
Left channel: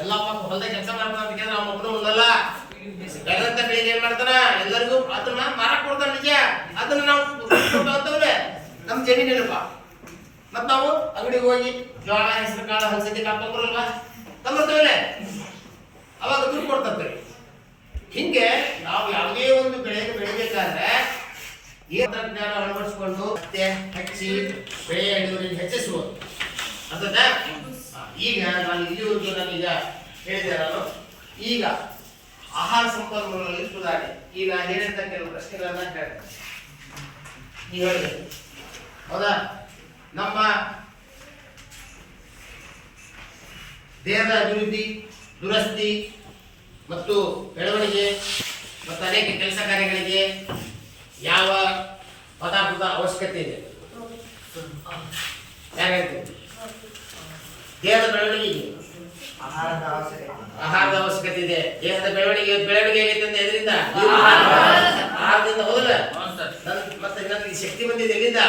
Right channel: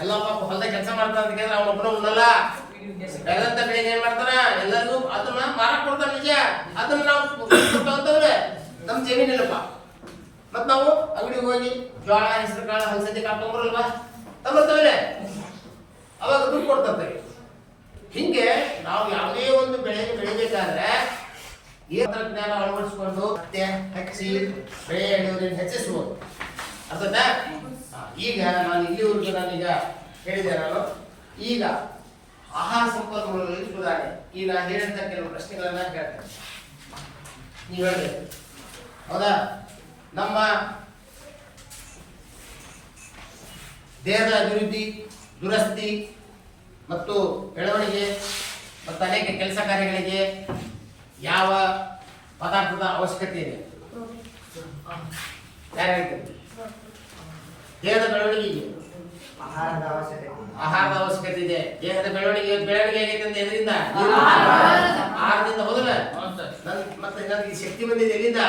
ಎಲ್ಲ ಪಾಪ ಹೊಲದ ಕೆಲಸ ಮಾಡ್ತಾನ ಅಂತ ಕೇಳಿದ್ರೆ ಅವ್ನ ಒಬ್ಬರು ಉಣ್ಣಲ್ಲ. ಬೆಳೆದಂತ ಬೆಳೆಗೆ ಏನ್ ಮಾಡ್ತಾನ, ಎಲ್ಲರಿಗೂ ಅದನ್ನ ಮಾರಾಟ ಕೊಡ್ತಾನ. ನಿಜ, ಅದನ್ನ ನಾವು ಕೊಟ್ಟಂತವ್ರೆ ನಮ್ ಜಮೀನಿಲ್ಲಪ್ಪ. ಮತ್ ನಾವು ಅಂಗಡಿಗೆ ಹೋಗಿ ಜೋಳ, ಹೆಸರು ಕಾಳು, ಹಲಸಂದಿ ಕಾಳು ತೊಂಬರಲ್ವಾ? ತೊಂಬರ್ತೇವೆ. ಅವಾಗ ದುಡ್ಡು ಕೊಡ್ತೇವೆ. ಹಿಂಗೆ ನಾವು ಯಾವುದೇ ಒಂದು ಬೆಳೆಯನ್ನು ಬೆಳಿಬೇಕಾದ್ರೆ ಈ ತಂತ್ರಜ್ಞಾನ ಅಳವಡಿಸಿಕೊಂಡು ಮತ್ತೆ ಹಚ್ಚಿ ಬೆಳೆ ಇಳುವರಿಯನ್ನು ಹೆಚ್ಚಿಸುವುದು ಅರ್ಥದ. ಈಗ ನಾನು ಇಲ್ಲಿವರೆಗೂ ನಾನೀಗ ಹೇಳಿದೆ. ನಾನು ಈಗ ಆಹಾರ ಸಂಪನ್ಮೂಲಗಳಲ್ಲಿ ಸುಧಾರಣೆ ಈಗ ನಾನು ಹೇಳಿದಂತ ಕೆಲವು ಪ್ರಶ್ನೆಗಳನ್ನ ಹೇಳ್ತೇನೆ, ನೀವು ಹೇಳಿದೆ ಹೌದಾ. ನಮ್ಮ ದೇಹದ ಅಭಿವೃದ್ಧಿ, ದುರಸ್ತಿ ಮತ್ತು ಬೆಳವಣಿಗೆ ಮತ್ತು ಅನೇಕ ಕೆಲಸ ಕಾರ್ಯಗಳಿಗೆ ಯಾವ ಪದಾರ್ಥದ ಅವಶ್ಯಕತೆ ಇದೆ? ಯಾರು ಹೇಳ್ತೀರಿ? ದೇಹದ ಬೆಳವಣಿಗೆಗೆ ಆಹಾರದ ಅವಶ್ಯಕತೆ ಇದೆ. ದೇಹದ ಬೆಳವಣಿಗೆ ಆಗೈತೆ ಅಂತ ಎದರಿಂದ? ಆಹಾರದಿಂದ. ಹೌದಲ್ಲ? ಮತ್ತೆ ನನಗೆ ಶಕ್ತಿ ಬಂದಿದೆ ಎಲ್ಲಿಂದ?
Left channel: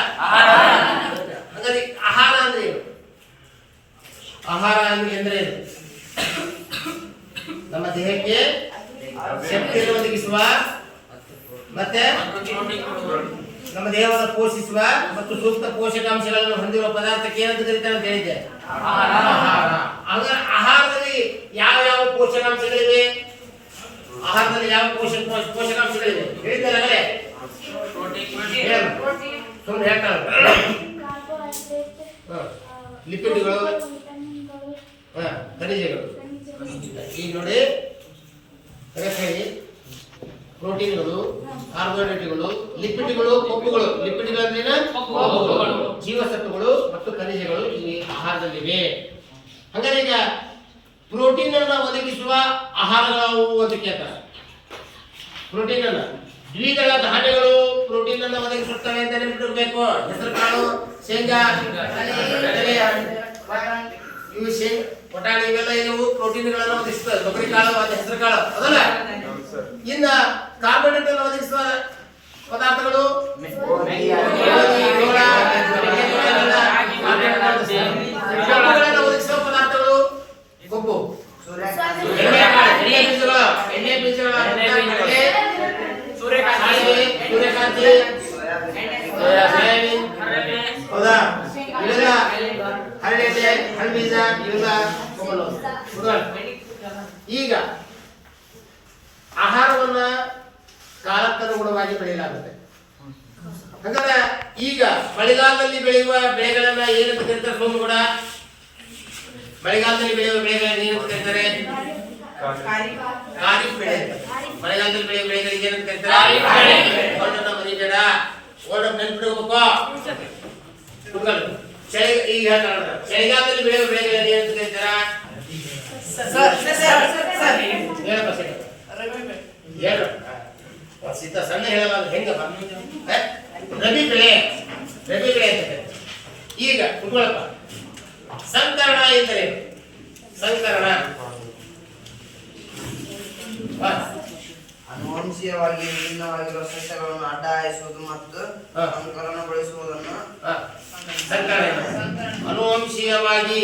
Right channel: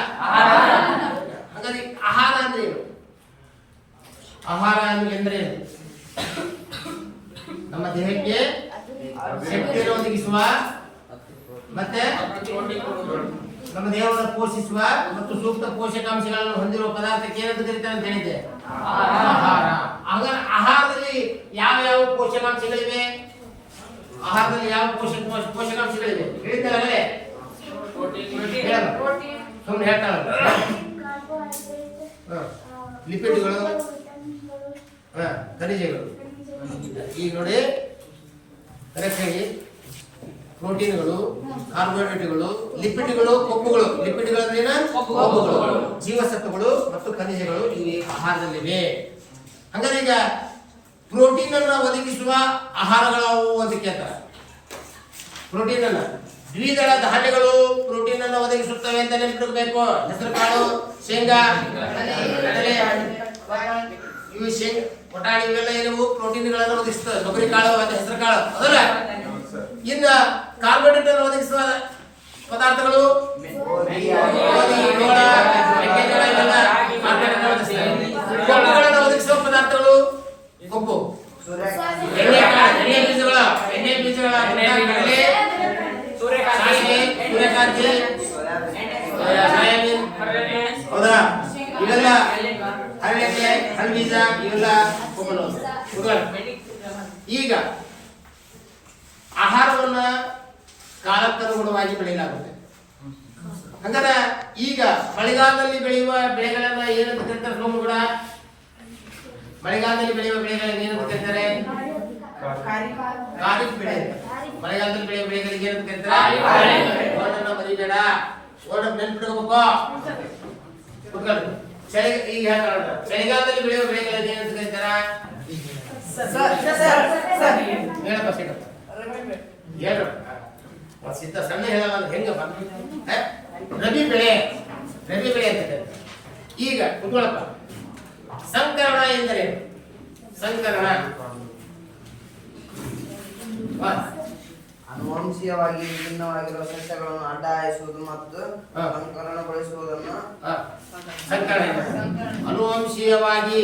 ಹಾಗಾದ್ರೆ ಆಹಾರ ಅಂದ್ರೆ ಏನು? ಆಹಾರ ಅಂದ್ರೆ ಏನು? ನಮ್ಮ ದೇಹಕ್ಕೆ ಶಕ್ತಿಯನ್ನು ಒದಗಿಸುವ ಮತ್ತೆ ನಮ್ಮ ದೇಹವನ್ನು ಪೋಷಿಸುವ ಮತ್ತು ಸೂಕ್ತ ಪೋಷಕಾಂಶಗಳನ್ನು ಹೊಂದಿರುವ ಪದಾರ್ಥಕ್ಕೆ ಏನಂತ ಕರೀತಾರೆ ಅಂತ ಹೇಳಿದೆ? ಆಹಾರ. ಹಾಗಾದ್ರೆ ಆಹಾರದಲ್ಲಿ ಯಾವ ಯಾವ ಪೋಷಕಾಂಶಗಳಿವೆ? ಆಹಾರದಲ್ಲಿ ಯಾವ ಪೋಷಕಾಂಶಗಳಿವೆ ಹೇಳಿದ್ರಲ್ಲೇ? ಸುಮ್ಮನೆ ಹೇಳ್ತಾರೆ. ಲಿಪಿಡ್ಗಳು, ಖನಿಜಗಳು. ಈಗ ನೋಡಿ ಕರೆಕ್ಟ್ ಹೇಳಿ. ಪ್ರೋಟೀನ್ಗಳು, ಕಾರ್ಬೋಹೈಡ್ರೇಟ್ಗಳು, ಲಿಪಿಡ್ಗಳು, ಕೊಬ್ಬುಗಳು. ಲಿಪಿಡ್ಗಳಂದ್ರೆ ಕೊಬ್ಬುಗಳು, ಜೀವಸತ್ವಗಳು ಮತ್ತು ಖನಿಜಗಳು ಇಲ್ಲಿ ಆಹಾರದಲ್ಲಿವೆ. ಹಾಗಾದ್ರೆ ಈಗ ಪ್ರೋಟೀನ್ ಅನ್ನ ಒದಗಿಸುವ ಆಹಾರಗಳಾವು ಅಂತ ಕೇಳ್ತಾರೆ. ಪ್ರೋಟೀನ್ ಅನ್ನ ದ್ವಿದಳ ಧಾನ್ಯಗಳು ಪ್ರೋಟೀನ್ ಅನ್ನು ಒದಗಿಸುತ್ತವೆ ಅಂತ ನೆನಪಿಡಬೇಕು. ಹೆಸರು ಕಾಳು, ಶೇಂಗಾ, ಕಡಲೆ, ಇವು ಪಟಾಣಿ ಇವೆಲ್ಲ ಇವು ಪ್ರೋಟೀನ್ಗಳನ್ನು ಒದಗಿಸುತ್ತವೆ. ಕೊಬ್ಬರಿ ಕಾಳು, ಅದು ಹೆಸರು ಕಾಳು ಅದಲ್ಲ. ಇನ್ನ ಕಾರ್ಬೋಹೈಡ್ರೇಟ್ ಅನ್ನು ಒದಗಿಸುವ ಪದಾರ್ಥಗಳು ಕೊಬ್ಬುಗಳನ್ನು ಒದಗಿಸುವ ಪದಾರ್ಥಗಳು ಕೊಬ್ಬು, ಎಣ್ಣೆ ಬೀಜಗಳು, ಸೂರ್ಯಕಾಂತಿ, ಹೌದಾ? ಇವೆಲ್ಲ ಹರಳೆಣ್ಣೆ, ಹಣ್ಣು ಇವೆಲ್ಲ ಕೊಬ್ಬು. ಈಗ ಆಹಾರವನ್ನ ಕಾಲಕ್ಕನುಗುಣವಾಗಿ ಬೆಳೆಯಲಾಗುತ್ತೆ. ಹಾಗಾದ್ರೆ ಈಗ ಮಳೆಗಾಲದಲ್ಲಿ ಬೆಳೆಯುವ ಬೆಳೆಗಳನ್ನ ಏನಂತ ಕರೀತಾರೆ? ಸೋಮು ಕೂಡ ಮಳೆಗಾಲದಲ್ಲಿ ಬೆಳೆಯುವ ಬೆಳೆಗಳನ್ನ ಏನಂತ ಕರೀತಾರೆ? ಖಾರಿಫ್ ಬೆಳೆ. ಮಳೆಗಾಲದಲ್ಲಿ ಬೆಳೆಯುವ ಬೆಳೆಗಳಿಗೆ ಏನಂತ ಕರೀತಾರೆ? ಓಡನ್ನ ಮರಿಬೇಡ, ಓಡನ್ನ ನೆನ್ಪಿಡಬೇಕು. ಈಗ ಚಳಿಗಾಲದಲ್ಲಿ ಬೆಳೆಯುವ ಬೆಳೆಗಳನ್ನ ಏನಂತ ಕರೀತಾರ? ಹೇಳಪ್ಪ ಸಿಕ್ಕಪ್ಪ ಏನು ಸಿದ್ಧ ಸಣ್ಣ ಹೇಳಲ್ಲ ಹೆಂಗಪ್ಪ? ರಬಿ ಬೆಳೆ, ರಬಿ ಬೆಳೆ ಅಂತ ಕರೀತಾರೆ. ಈಗ ಕುತ್ಕೊಳ್ಳಪ್ಪ. ಸಂಕರಣ ಎಂದರೆ ಸಂಕರಣ ಅನುವಂಶೀಯವಾಗಿ ವಿಭಿನ್ನವಾಗಿರುವ ಸಸ್ಯಗಳನ್ನು ಅಡ್ಡ ಹಾಯಿಸುವುದು ಮತ್ತು ಸಂಕಲನಗೊಳಿಸುವುದನ್ನು ಸಂಕರಣ. ಅನುವಂಶೀಯವಾಗಿ,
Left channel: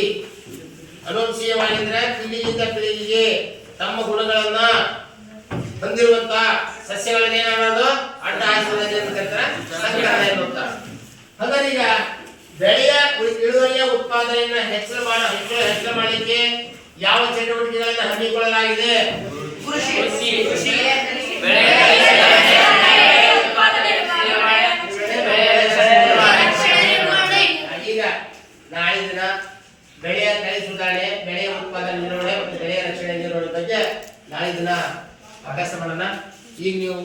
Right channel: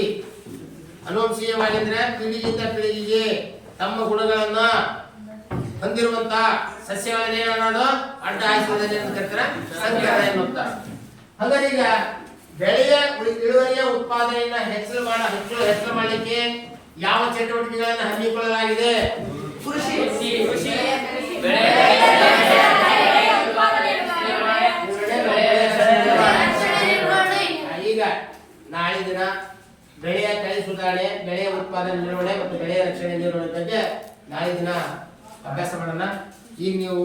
ಅನುವಂಶೀಯವಾಗಿ ಅಂದ್ರೆ ಪೀಳಿಗೆಯಿಂದ ಪೀಳಿಗೆಗೆ ತಮ್ಮ ಗುಣಗಳನ್ನ ಹೊಂದಿರುವಂತ ಸಸ್ಯಗಳನ್ನ ಏನಾಗೋದು ಅಡ್ಡ ಹಾಯಿಸುವುದನ್ನು ಅಂತ ಕರೀತಾರೆ ಸಂಕರಣ ಎನ್ನುತ್ತಾರೆ. ಹಾಗಾದ್ರೆ ಈಗ ಬೆಳೆಯ ಇಳುವರಿಯ ಉತ್ಪಾದನೆಯನ್ನ ಹೆಚ್ಚಳ ಮಾಡಲಿಕ್ಕೆ ಯಾವ ಚಟುವಟಿಕೆಗಳನ್ನು ಹಮ್ಮಿಕೊಳ್ಳಲಾಗಿದೆ? ಕೃಷಿ. ಈಗ ನಾಳೆ ದಿನ ಬೆಳೆಯ ತಳಿ ಸುಧಾರಣೆ, ಬೆಳೆಯ ಉತ್ಪಾದನೆ ನಿರ್ವಹಣೆ ಮತ್ತು ಬೆಳೆಯ ರಕ್ಷಣೆ ನಿರ್ವಹಣೆ ಬಗ್ಗೆ ನಾಳೆ ದಿನ ಅಭ್ಯಾಸ ಮಾಡೋಣ. ಈಗ ನೀವು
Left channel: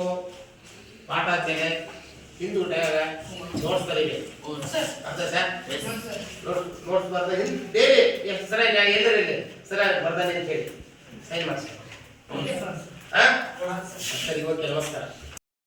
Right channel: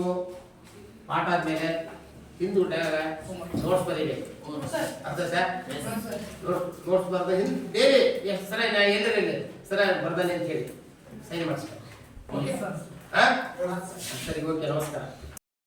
ಪಾಠ ಆದ್ಮೇಲೆ ಹಿಂದೂ ನೋಟ್ಸ್ ಬರೀಬೇಕು. ಅರ್ಥ ಸರ್? ನೋಟ್ಸ್ ಬರ್ದ ಡೈಲಿ ಎಷ್ಟು ಸರ ಎಲ್ಲರಲ್ಲಿ ಸರ ಬರ್ದಾನೆ ಅಂತ ಹೇಳಿ ಸೈನ್ ಮಾಡಿಸ್ತಾರೆ. ಸರಿ, ಓಕೆ, ನಮಸ್ಕಾರ.